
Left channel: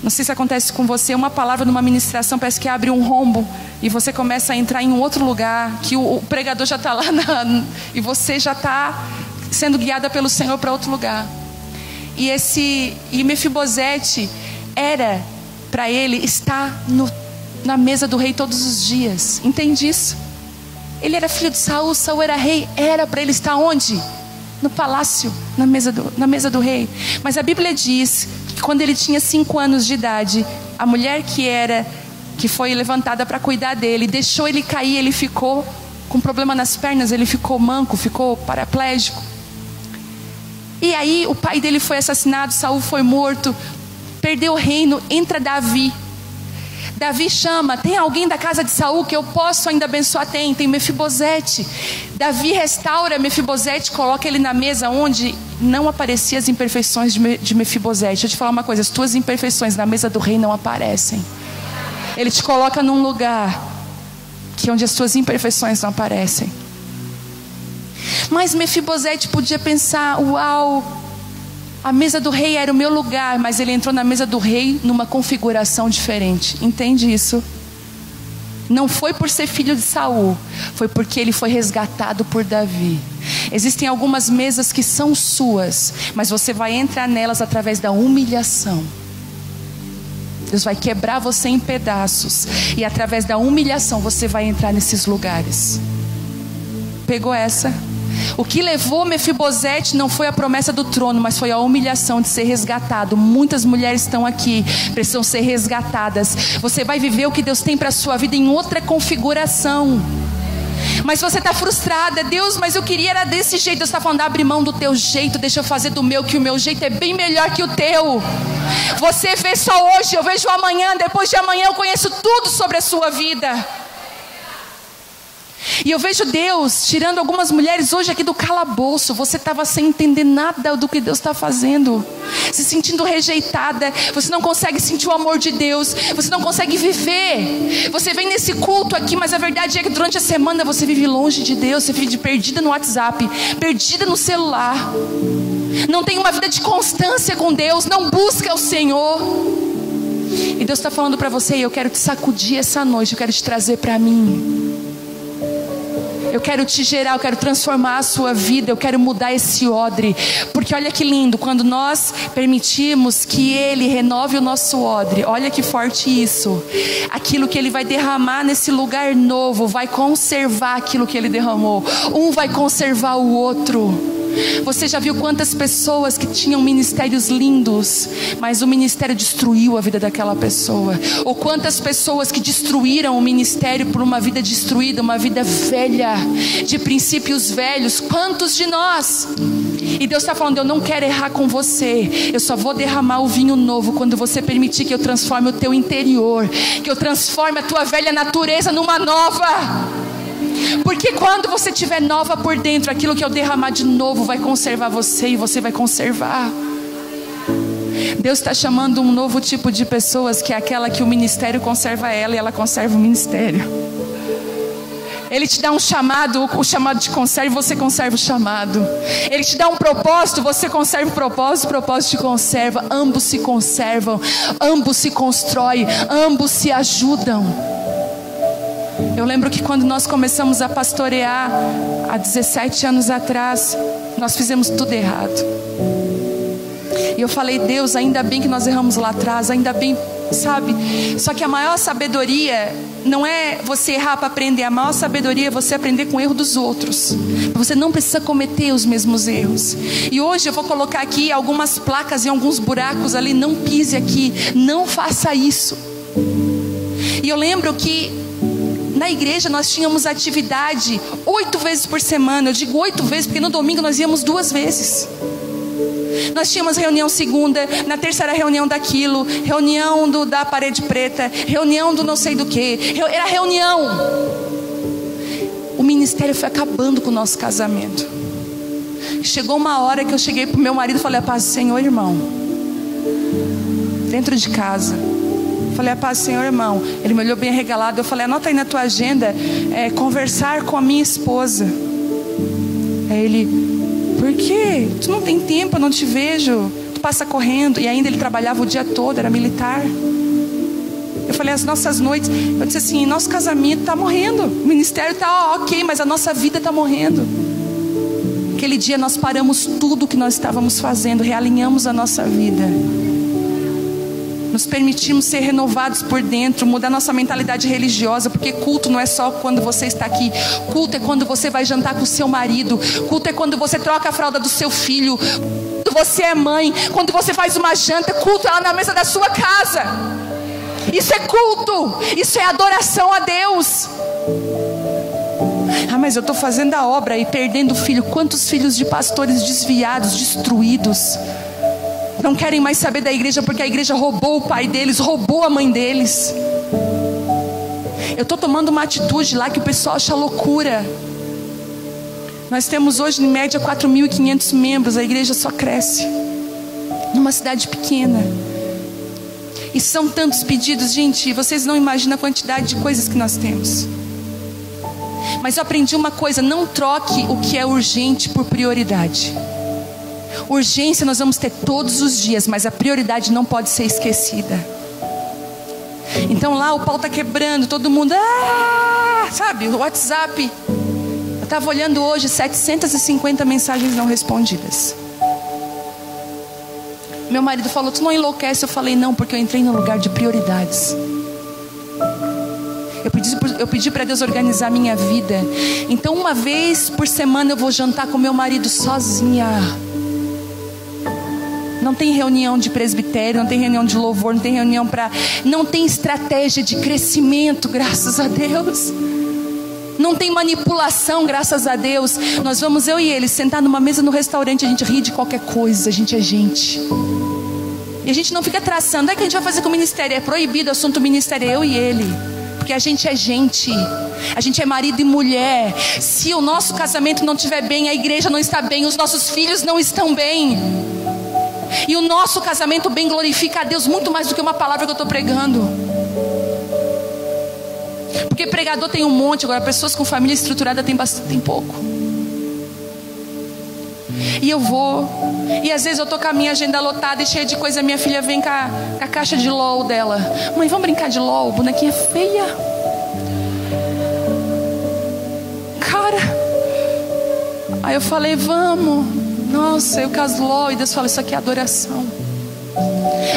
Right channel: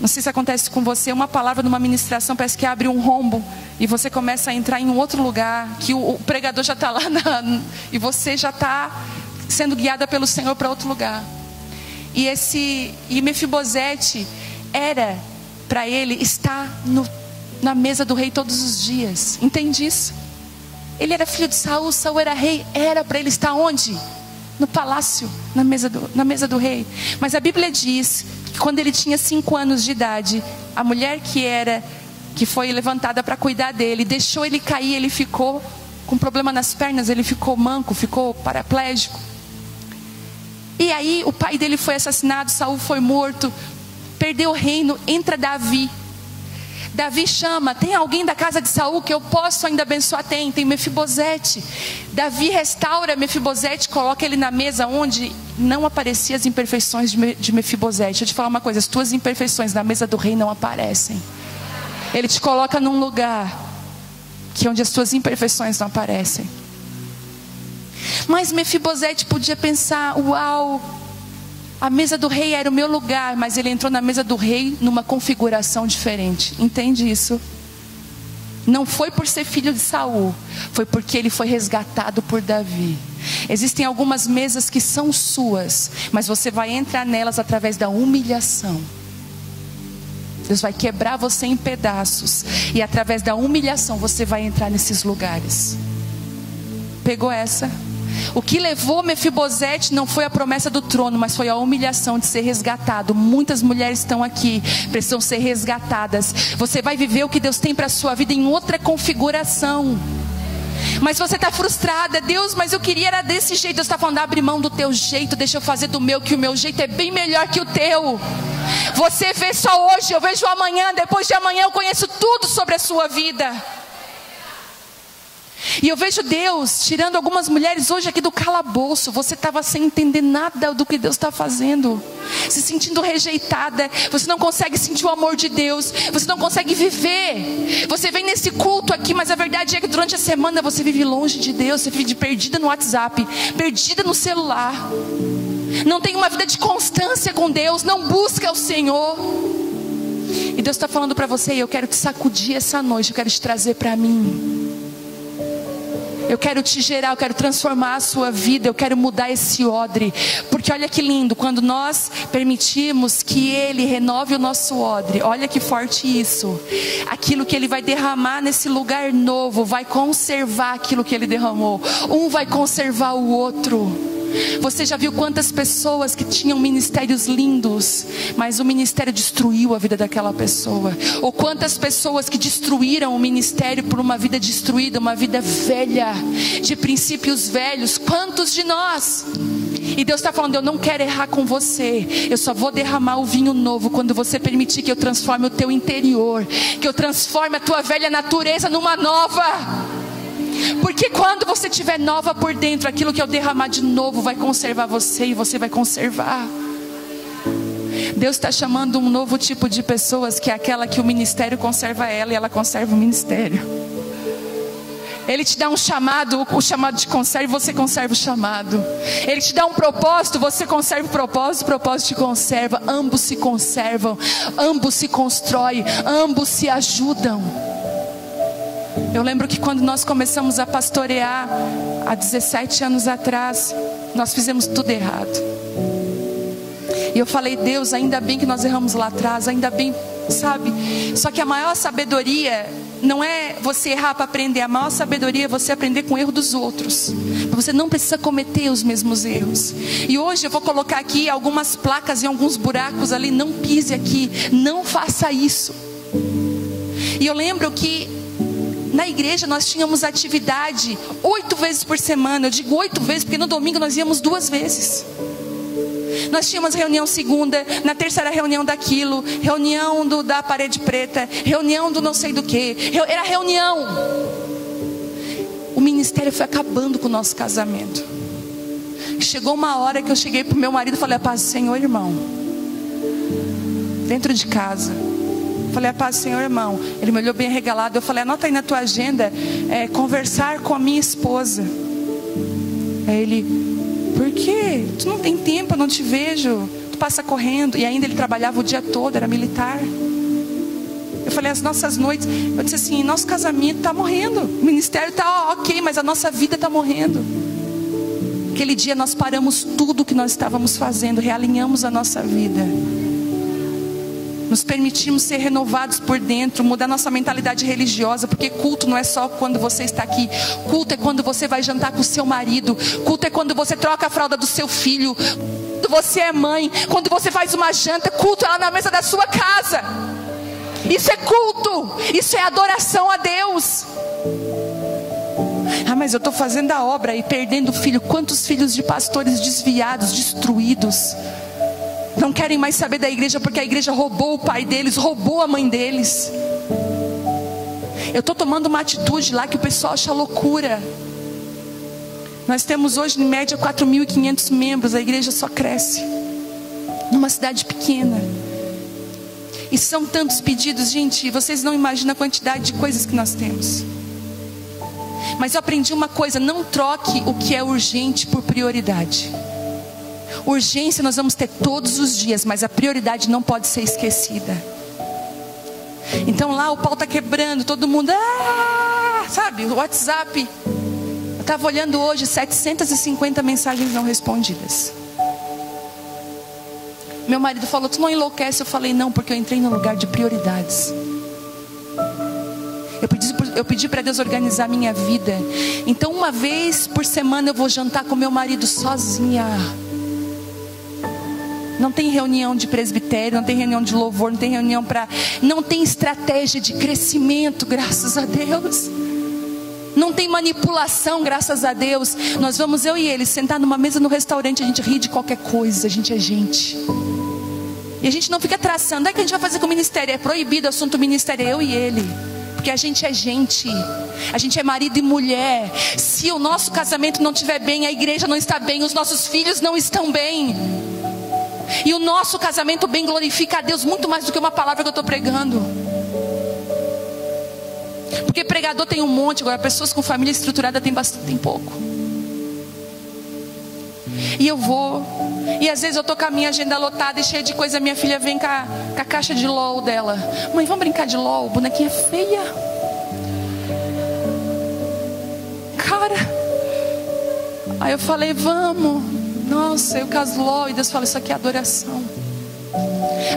não sei se acontece com você, uma palavra numa ministração parece que abre um rombo e você começa a entrar em um outro lugar, que o pregador já está lá e você já está sendo guiada pelo Senhor para outro lugar. E Mefibosete era para ele estar na mesa do rei todos os dias. Entende isso? Ele era filho de Saul, Saul era rei, era para ele estar onde? No palácio, na mesa do rei. Mas a Bíblia diz que quando ele tinha 5 anos de idade, a mulher que foi levantada para cuidar dele, deixou ele cair, ele ficou com problema nas pernas, ele ficou manco, ficou paraplégico. E aí o pai dele foi assassinado, Saul foi morto, perdeu o reino, entra Davi. Davi chama, tem alguém da casa de Saul que eu posso ainda abençoar? Tem Mefibosete. Davi restaura Mefibosete, coloca ele na mesa onde não apareciam as imperfeições de Mefibosete. Deixa eu te falar uma coisa, as tuas imperfeições na mesa do rei não aparecem. Ele te coloca num lugar que onde as tuas imperfeições não aparecem. Mas Mefibosete podia pensar, uau, a mesa do rei era o meu lugar, mas ele entrou na mesa do rei numa configuração diferente. Entende isso? Não foi por ser filho de Saul, foi porque ele foi resgatado por Davi. Existem algumas mesas que são suas, mas você vai entrar nelas através da humilhação. Deus vai quebrar você em pedaços, e através da humilhação você vai entrar nesses lugares. Pegou essa? O que levou Mefibosete não foi a promessa do trono, mas foi a humilhação de ser resgatado. Muitas mulheres estão aqui, precisam ser resgatadas. Você vai viver o que Deus tem para a sua vida em outra configuração. Mas você está frustrada, Deus, mas eu queria era desse jeito. Deus está falando, abre mão do teu jeito, deixa eu fazer do meu, que o meu jeito é bem melhor que o teu. Você vê só hoje, eu vejo amanhã, depois de amanhã eu conheço tudo sobre a sua vida. E eu vejo Deus tirando algumas mulheres hoje aqui do calabouço. Você estava sem entender nada do que Deus está fazendo, se sentindo rejeitada. Você não consegue sentir o amor de Deus, você não consegue viver. Você vem nesse culto aqui, mas a verdade é que durante a semana você vive longe de Deus. Você vive perdida no WhatsApp, perdida no celular. Não tem uma vida de constância com Deus, não busca o Senhor. E Deus está falando para você, eu quero te sacudir essa noite, eu quero te trazer para mim. Eu quero te gerar, eu quero transformar a sua vida, eu quero mudar esse odre. Porque olha que lindo, quando nós permitirmos que Ele renove o nosso odre, olha que forte isso. Aquilo que Ele vai derramar nesse lugar novo, vai conservar aquilo que Ele derramou. Um vai conservar o outro. Você já viu quantas pessoas que tinham ministérios lindos, mas o ministério destruiu a vida daquela pessoa? Ou quantas pessoas que destruíram o ministério por uma vida destruída, uma vida velha, de princípios velhos? Quantos de nós? E Deus está falando, eu não quero errar com você. Eu só vou derramar o vinho novo quando você permitir que eu transforme o teu interior, que eu transforme a tua velha natureza numa nova. Porque quando você estiver nova por dentro, aquilo que eu derramar de novo vai conservar você, e você vai conservar. Deus está chamando um novo tipo de pessoas, que é aquela que o ministério conserva ela e ela conserva o ministério. Ele te dá um chamado, o chamado te conserva, você conserva o chamado. Ele te dá um propósito, você conserva o propósito te conserva. Ambos se conservam, ambos se constroem, ambos se ajudam. Eu lembro que quando nós começamos a pastorear, há 17 anos atrás, nós fizemos tudo errado. E eu falei, Deus, ainda bem que nós erramos lá atrás, ainda bem, sabe? Só que a maior sabedoria não é você errar para aprender. A maior sabedoria é você aprender com o erro dos outros. Você não precisa cometer os mesmos erros. E hoje eu vou colocar aqui algumas placas em alguns buracos ali. Não pise aqui, não faça isso. E eu lembro que na igreja nós tínhamos atividade 8 vezes por semana. Eu digo 8 vezes porque no domingo nós íamos 2 vezes. Nós tínhamos reunião segunda, na terça era reunião daquilo, reunião da parede preta, reunião do não sei do que, era reunião. O ministério foi acabando com o nosso casamento. Chegou uma hora que eu cheguei pro meu marido e falei, a paz do Senhor, irmão. Dentro de casa. Falei, a paz do Senhor, irmão. Ele me olhou bem regalado. Eu falei, anota aí na tua agenda, conversar com a minha esposa. Aí ele... Por quê? Tu não tem tempo, eu não te vejo. Tu passa correndo. E ainda ele trabalhava o dia todo, era militar. Eu falei, as nossas noites... Eu disse assim, nosso casamento está morrendo. O ministério está ok, mas a nossa vida está morrendo. Aquele dia nós paramos tudo o que nós estávamos fazendo. Realinhamos a nossa vida. Nos permitimos ser renovados por dentro, mudar nossa mentalidade religiosa, porque culto não é só quando você está aqui. Culto é quando você vai jantar com o seu marido. Culto é quando você troca a fralda do seu filho. Quando você é mãe, quando você faz uma janta. Culto é lá na mesa da sua casa. Isso é culto. Isso é adoração a Deus. Ah, mas eu estou fazendo a obra e perdendo o filho. Quantos filhos de pastores desviados, destruídos, não querem mais saber da igreja porque a igreja roubou o pai deles, roubou a mãe deles. Eu estou tomando uma atitude lá que o pessoal acha loucura. Nós temos hoje em média 4.500 membros. A igreja só cresce numa cidade pequena. E são tantos pedidos, gente, vocês não imaginam a quantidade de coisas que nós temos. Mas eu aprendi uma coisa, não troque o que é urgente por prioridade. Urgência nós vamos ter todos os dias, mas a prioridade não pode ser esquecida. Então lá o pau está quebrando, todo mundo, sabe, o WhatsApp. Eu estava olhando hoje 750 mensagens não respondidas. Meu marido falou, tu não enlouquece? Eu falei, não, porque eu entrei num lugar de prioridades. Eu pedi para Deus organizar a minha vida. Então uma vez por semana eu vou jantar com meu marido sozinha. Não tem reunião de presbitério, não tem reunião de louvor, não tem reunião para... Não tem estratégia de crescimento, graças a Deus. Não tem manipulação, graças a Deus. Nós vamos, eu e ele, sentar numa mesa no restaurante, a gente ri de qualquer coisa, a gente é gente. E a gente não fica traçando, o que a gente vai fazer com o ministério? É proibido o assunto ministério, eu e ele. Porque a gente é gente. A gente é marido e mulher. Se o nosso casamento não estiver bem, a igreja não está bem, os nossos filhos não estão bem. E o nosso casamento bem glorifica a Deus muito mais do que uma palavra que eu estou pregando. Porque pregador tem um monte, agora pessoas com família estruturada tem pouco. E eu vou, e às vezes eu tô com a minha agenda lotada e cheia de coisa. Minha filha vem com a caixa de LOL dela. Mãe, vamos brincar de LOL? Bonequinha feia. Cara, aí eu falei, vamos. Nossa, eu caso LOL. E Deus fala, isso aqui é adoração.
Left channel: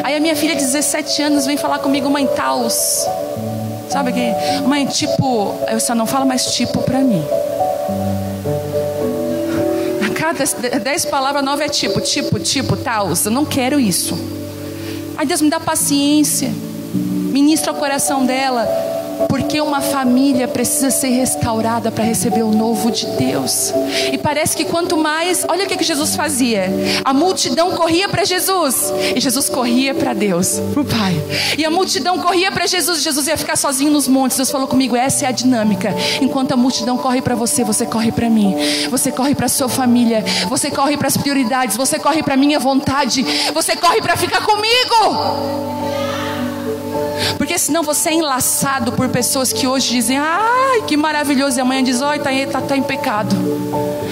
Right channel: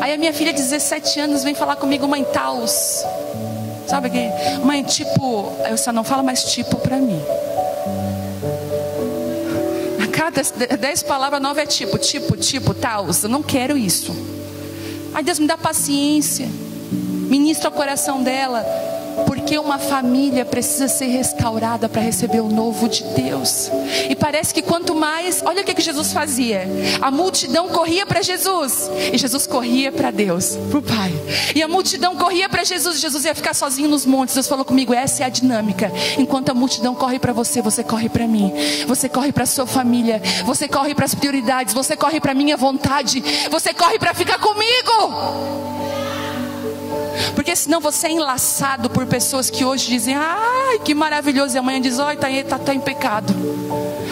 Aí a minha filha de 17 anos vem falar comigo, mãe, taus. Sabe o que? Mãe, tipo, eu só não falo mais tipo pra mim. A cada 10 palavras novas é tipo, taus. Eu não quero isso. Aí Deus me dá paciência. Ministra o coração dela. Porque uma família precisa ser restaurada para receber o novo de Deus. E parece que quanto mais... Olha o que Jesus fazia. A multidão corria para Jesus. E Jesus corria para Deus, para o Pai. E a multidão corria para Jesus. Jesus ia ficar sozinho nos montes. Deus falou comigo, essa é a dinâmica. Enquanto a multidão corre para você, você corre para mim. Você corre para a sua família. Você corre para as prioridades. Você corre para a minha vontade. Você corre para ficar comigo. Porque senão você é enlaçado por pessoas que hoje dizem, ai, que maravilhoso. maravilhoso, e amanhã diz, olha, tá em pecado.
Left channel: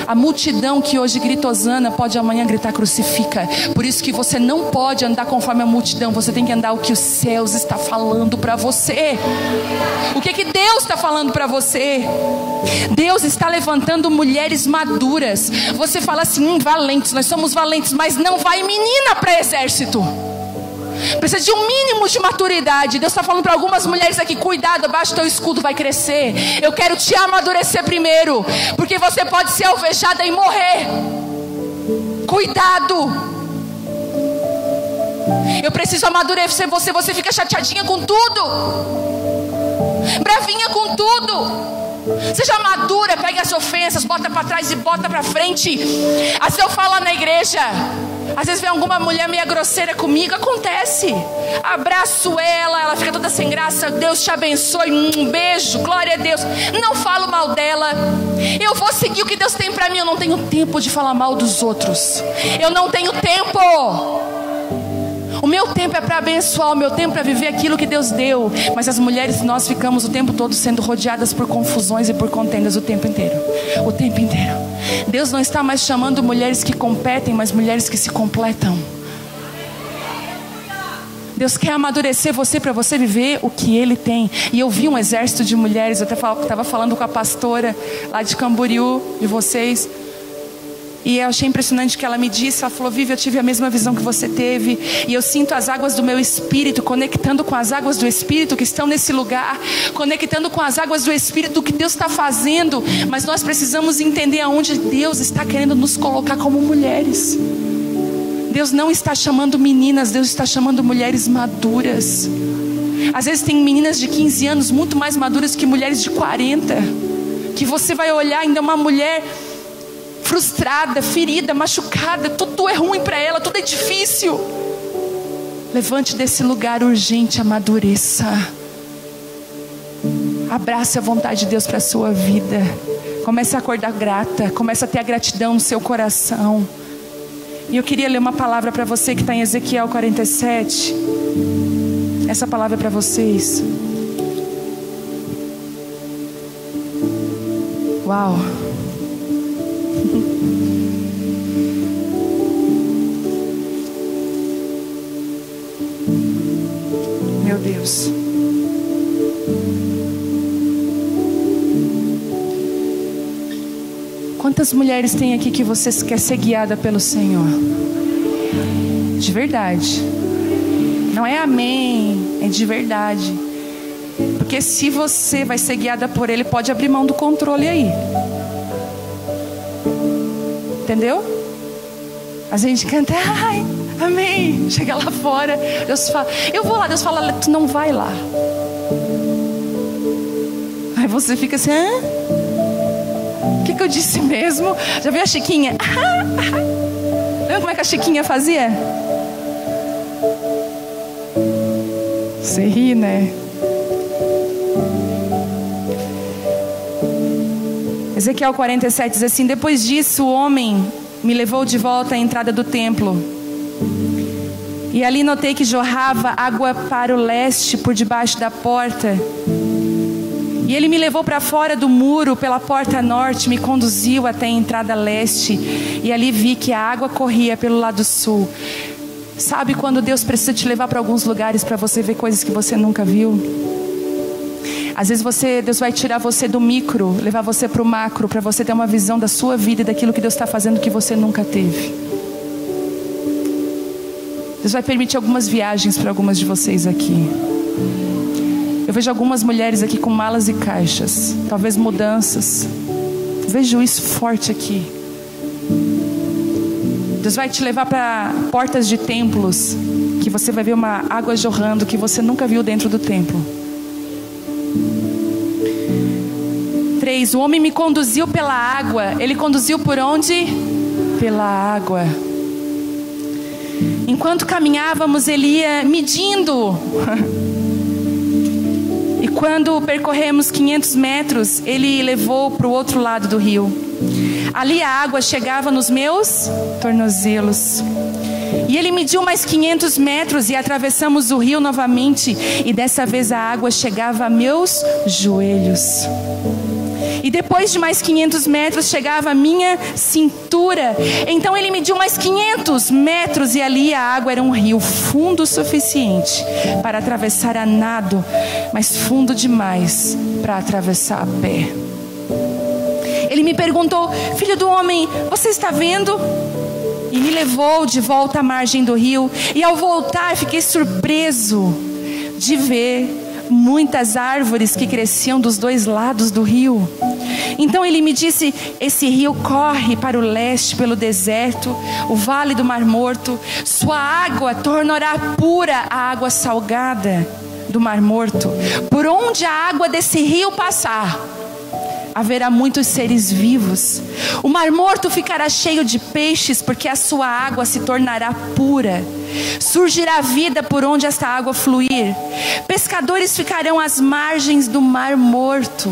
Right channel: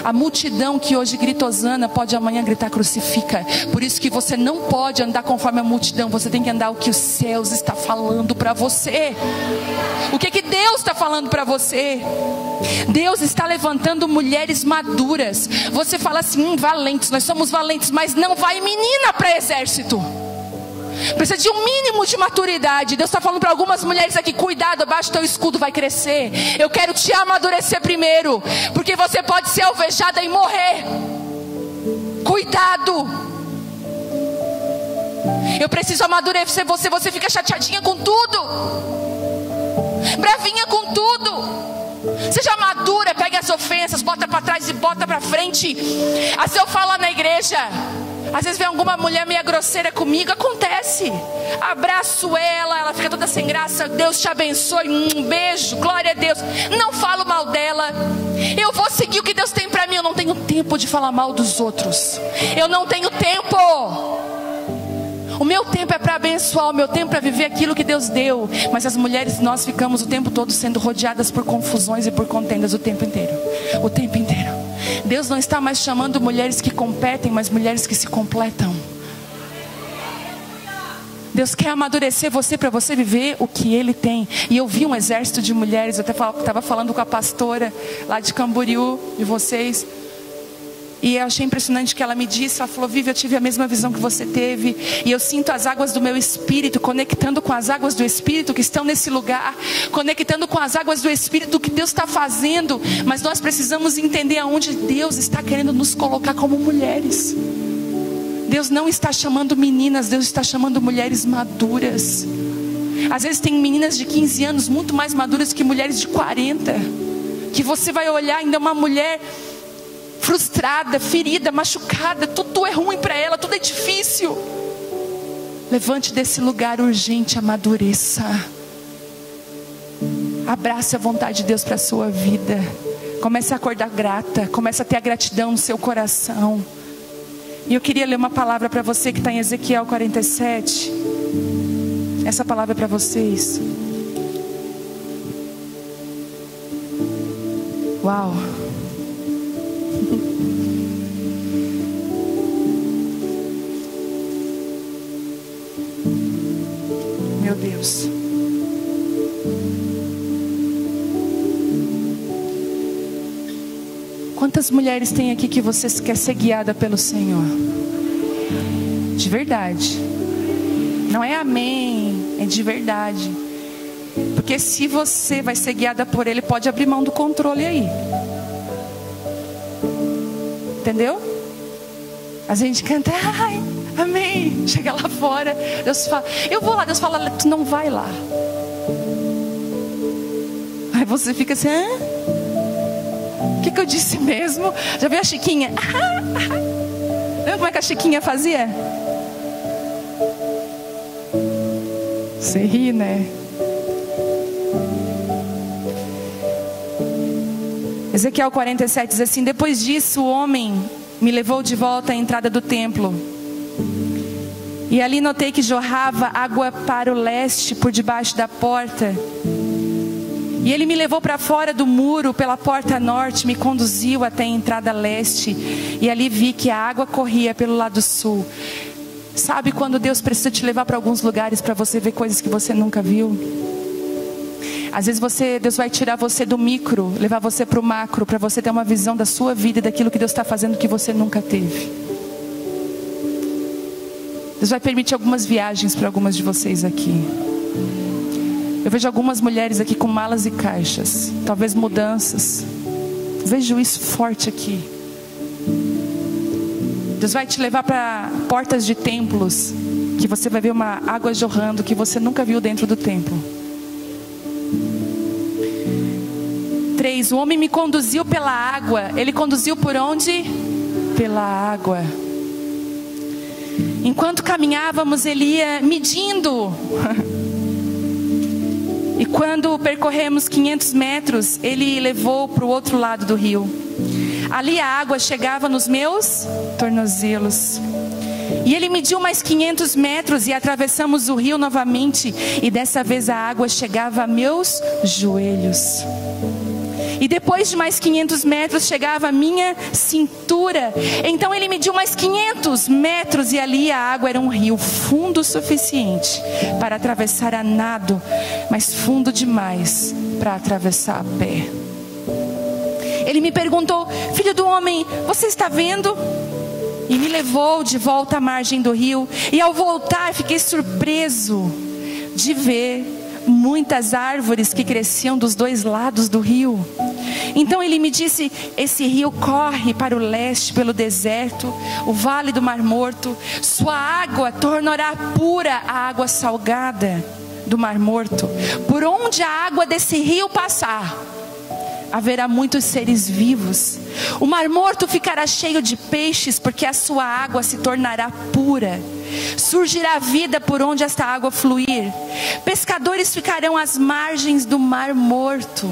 A multidão que hoje grita Hosana pode amanhã gritar crucifica. Por isso que você não pode andar conforme a multidão. Você tem que andar o que os céus está falando para você. O que Deus está falando para você? Deus está levantando mulheres maduras. Você fala assim, valentes, nós somos valentes, mas não vai menina para exército. Precisa de um mínimo de maturidade. Deus está falando para algumas mulheres aqui, cuidado, abaixo do teu escudo vai crescer. Eu quero te amadurecer primeiro, porque você pode ser alvejada e morrer. Cuidado. Eu preciso amadurecer você. Você fica chateadinha com tudo, bravinha com tudo. Seja madura, pega as ofensas, bota para trás e bota para frente. Assim eu falo na igreja. Às vezes vem alguma mulher meio grosseira comigo, acontece. Abraço ela fica toda sem graça. Deus te abençoe, um beijo, glória a Deus. Não falo mal dela. Eu vou seguir o que Deus tem pra mim. Eu não tenho tempo de falar mal dos outros. Eu não tenho tempo. O meu tempo é para abençoar, o meu tempo é para viver aquilo que Deus deu. Mas as mulheres, nós ficamos o tempo todo sendo rodeadas por confusões e por contendas o tempo inteiro. O tempo inteiro. Deus não está mais chamando mulheres que competem, mas mulheres que se completam. Deus quer amadurecer você para você viver o que Ele tem. E eu vi um exército de mulheres. Eu até estava falando com a pastora lá de Camboriú, de vocês. E achei impressionante que ela me disse, ela falou, Vivi, eu tive a mesma visão que você teve. E eu sinto as águas do meu espírito, conectando com as águas do espírito que estão nesse lugar. Conectando com as águas do espírito, o que Deus está fazendo. Mas nós precisamos entender aonde Deus está querendo nos colocar como mulheres. Deus não está chamando meninas, Deus está chamando mulheres maduras. Às vezes tem meninas de 15 anos muito mais maduras que mulheres de 40. Que você vai olhar ainda uma mulher frustrada, ferida, machucada, tudo é ruim para ela, tudo é difícil. Levante desse lugar urgente, amadureça. Abrace a vontade de Deus para a sua vida. Comece a acordar grata, comece a ter a gratidão no seu coração. E eu queria ler uma palavra para você que está em Ezequiel 47. Essa palavra é para vocês. Uau! Meu Deus. Quantas mulheres tem aqui que você quer ser guiada pelo Senhor? De verdade. Não é amém, é de verdade. Porque se você vai ser guiada por Ele, pode abrir mão do controle aí. Entendeu? A gente canta, ai, amém. Chega lá fora, Deus fala, eu vou lá. Deus fala, tu não vai lá. Aí você fica assim, hã? O que eu disse mesmo? Já viu a Chiquinha? Lembra como é que a Chiquinha fazia? Você ri, né? Ezequiel 47 diz assim: depois disso o homem me levou de volta à entrada do templo. E ali notei que jorrava água para o leste por debaixo da porta. E ele me levou para fora do muro pela porta norte, me conduziu até a entrada leste. E ali vi que a água corria pelo lado sul. Sabe quando Deus precisa te levar para alguns lugares para você ver coisas que você nunca viu? Às vezes Deus vai tirar você do micro, levar você para o macro, para você ter uma visão da sua vida e daquilo que Deus está fazendo que você nunca teve. Deus vai permitir algumas viagens para algumas de vocês aqui. Eu vejo algumas mulheres aqui com malas e caixas, talvez mudanças. Vejo isso forte aqui. Deus vai te levar para portas de templos, que você vai ver uma água jorrando que você nunca viu dentro do templo. 3. O homem me conduziu pela água. Ele conduziu por onde? Pela água. Enquanto caminhávamos, ele ia medindo. E quando percorremos 500 metros, ele levou para o outro lado do rio. Ali a água chegava nos meus tornozelos. E ele mediu mais 500 metros e atravessamos o rio novamente. E dessa vez a água chegava a meus joelhos. E depois de mais 500 metros chegava a minha cintura. Então ele mediu mais 500 metros e ali a água era um rio fundo o suficiente para atravessar a nado, mas fundo demais para atravessar a pé. Ele me perguntou: filho do homem, você está vendo? E me levou de volta à margem do rio. E ao voltar fiquei surpreso de ver muitas árvores que cresciam dos dois lados do rio. Então ele me disse: esse rio corre para o leste pelo deserto, o vale do Mar Morto. Sua água tornará pura a água salgada do Mar Morto. Por onde a água desse rio passar, haverá muitos seres vivos. O Mar Morto ficará cheio de peixes, porque a sua água se tornará pura. Surgirá vida por onde esta água fluir. Pescadores ficarão às margens do Mar Morto.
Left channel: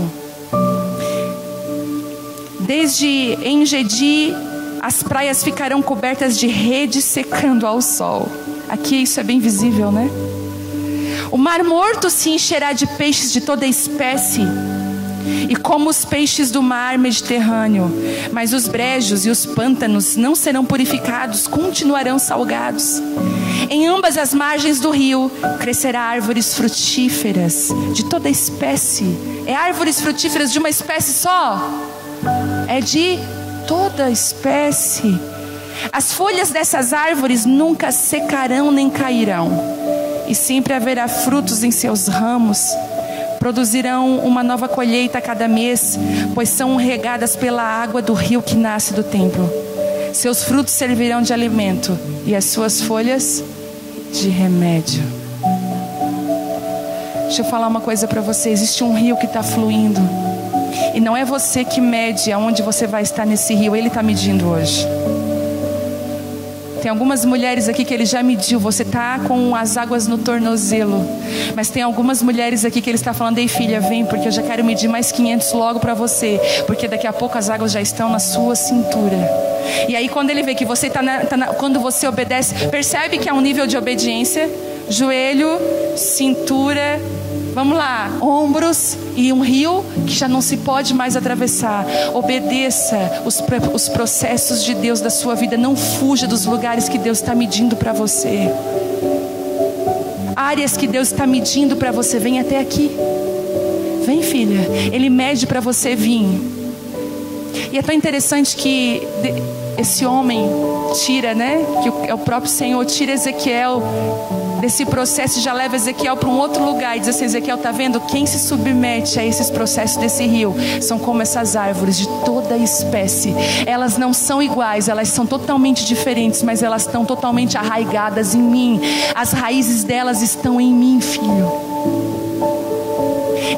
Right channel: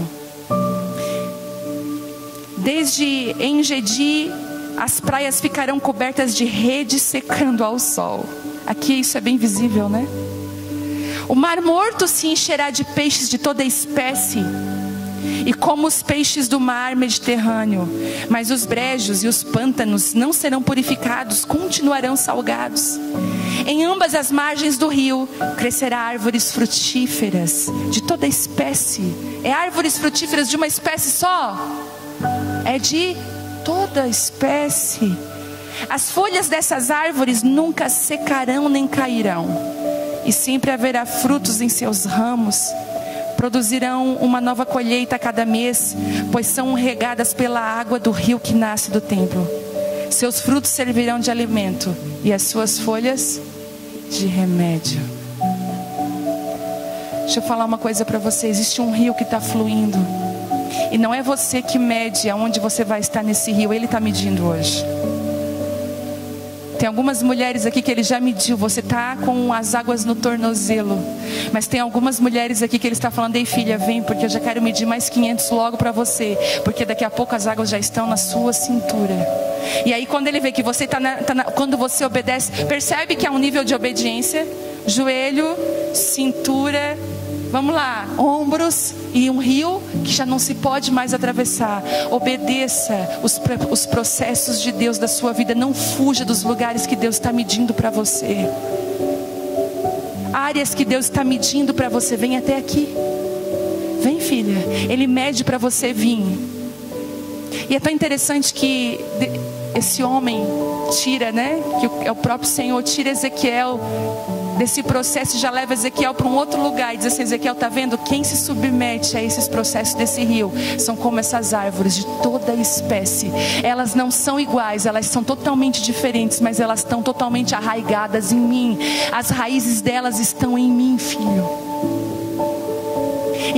Desde En-Gedi, as praias ficarão cobertas de redes secando ao sol. Aqui isso é bem visível, né? O Mar Morto se encherá de peixes de toda espécie, e como os peixes do mar Mediterrâneo. Mas os brejos e os pântanos não serão purificados, continuarão salgados. Em ambas as margens do rio crescerá árvores frutíferas de toda espécie. É árvores frutíferas de uma espécie só? É de toda espécie. As folhas dessas árvores nunca secarão nem cairão, e sempre haverá frutos em seus ramos. Produzirão uma nova colheita a cada mês, pois são regadas pela água do rio que nasce do templo. Seus frutos servirão de alimento e as suas folhas de remédio. Deixa eu falar uma coisa para você. Existe um rio que está fluindo, e não é você que mede aonde você vai estar nesse rio. Ele está medindo hoje. Tem algumas mulheres aqui que ele já mediu. Você está com as águas no tornozelo. Mas tem algumas mulheres aqui que ele está falando: ei filha, vem, porque eu já quero medir mais 500 logo para você, porque daqui a pouco as águas já estão na sua cintura. E aí quando ele vê que você quando você obedece, percebe que há um nível de obediência. Joelho, cintura, vamos lá, ombros e um rio que já não se pode mais atravessar. Obedeça os processos de Deus da sua vida. Não fuja dos lugares que Deus está medindo para você. Áreas que Deus está medindo para você. Vem até aqui. Vem, filha. Ele mede para você vir. E é tão interessante que esse homem tira, né? Que é o próprio Senhor, tira Ezequiel desse processo, já leva Ezequiel para um outro lugar e diz assim: Ezequiel, está vendo? Quem se submete a esses processos desse rio são como essas árvores de toda espécie. Elas não são iguais, elas são totalmente diferentes, mas elas estão totalmente arraigadas em mim. As raízes delas estão em mim, filho.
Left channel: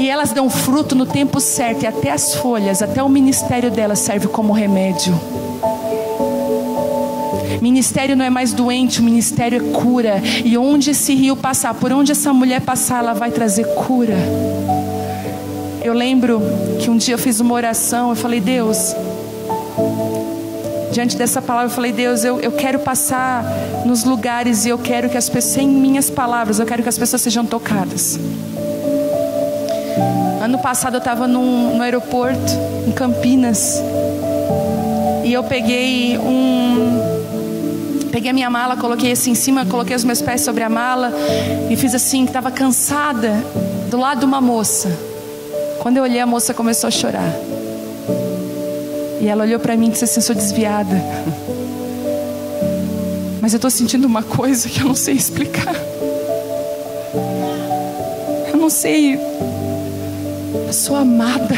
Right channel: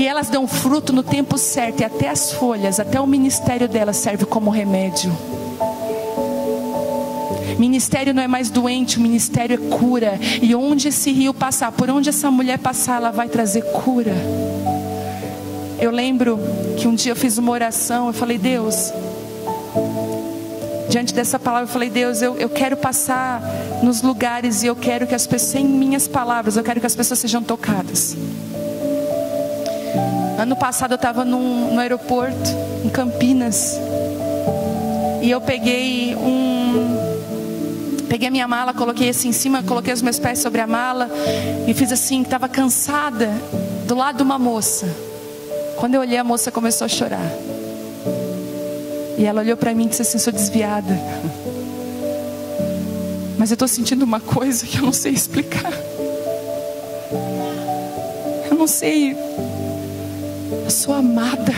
E elas dão fruto no tempo certo, e até as folhas, até o ministério delas serve como remédio. Ministério não é mais doente, o ministério é cura. E onde esse rio passar, por onde essa mulher passar, ela vai trazer cura. Eu lembro que um dia eu fiz uma oração, eu falei: Deus, diante dessa palavra, eu falei: Deus, eu quero passar nos lugares, e eu quero que as pessoas, sem minhas palavras, eu quero que as pessoas sejam tocadas. Ano passado eu estava no aeroporto, em Campinas, e eu peguei a minha mala, coloquei assim em cima, coloquei os meus pés sobre a mala e fiz assim, estava cansada, do lado de uma moça. Quando eu olhei, a moça começou a chorar. E ela olhou para mim e disse assim: sou desviada, mas eu estou sentindo uma coisa que eu não sei explicar. Eu não sei, eu sou amada.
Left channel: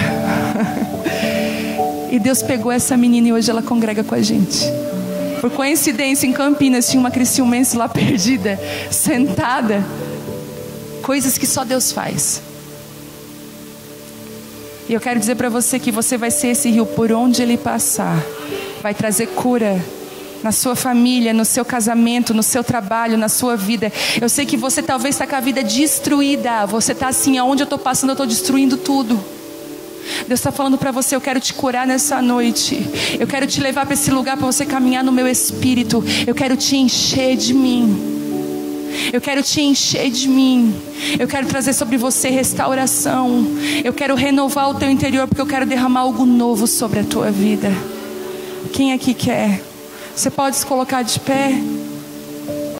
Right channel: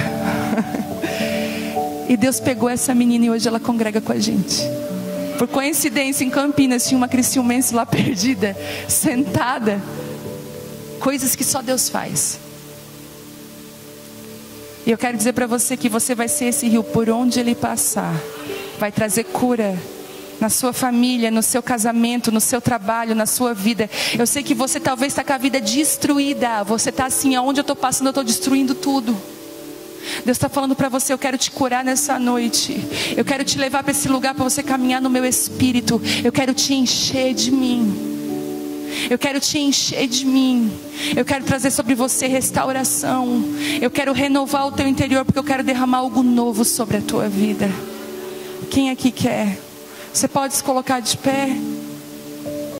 E Deus pegou essa menina e hoje ela congrega com a gente. Por coincidência, em Campinas tinha uma criciumense lá perdida, sentada. Coisas que só Deus faz. E eu quero dizer para você que você vai ser esse rio por onde ele passar. Vai trazer cura na sua família, no seu casamento, no seu trabalho, na sua vida. Eu sei que você talvez está com a vida destruída. Você está assim: aonde eu estou passando, eu estou destruindo tudo. Deus está falando para você: eu quero te curar nessa noite. Eu quero te levar para esse lugar para você caminhar no meu espírito. Eu quero te encher de mim. Eu quero te encher de mim. Eu quero trazer sobre você restauração. Eu quero renovar o teu interior, porque eu quero derramar algo novo sobre a tua vida. Quem aqui quer? Você pode se colocar de pé?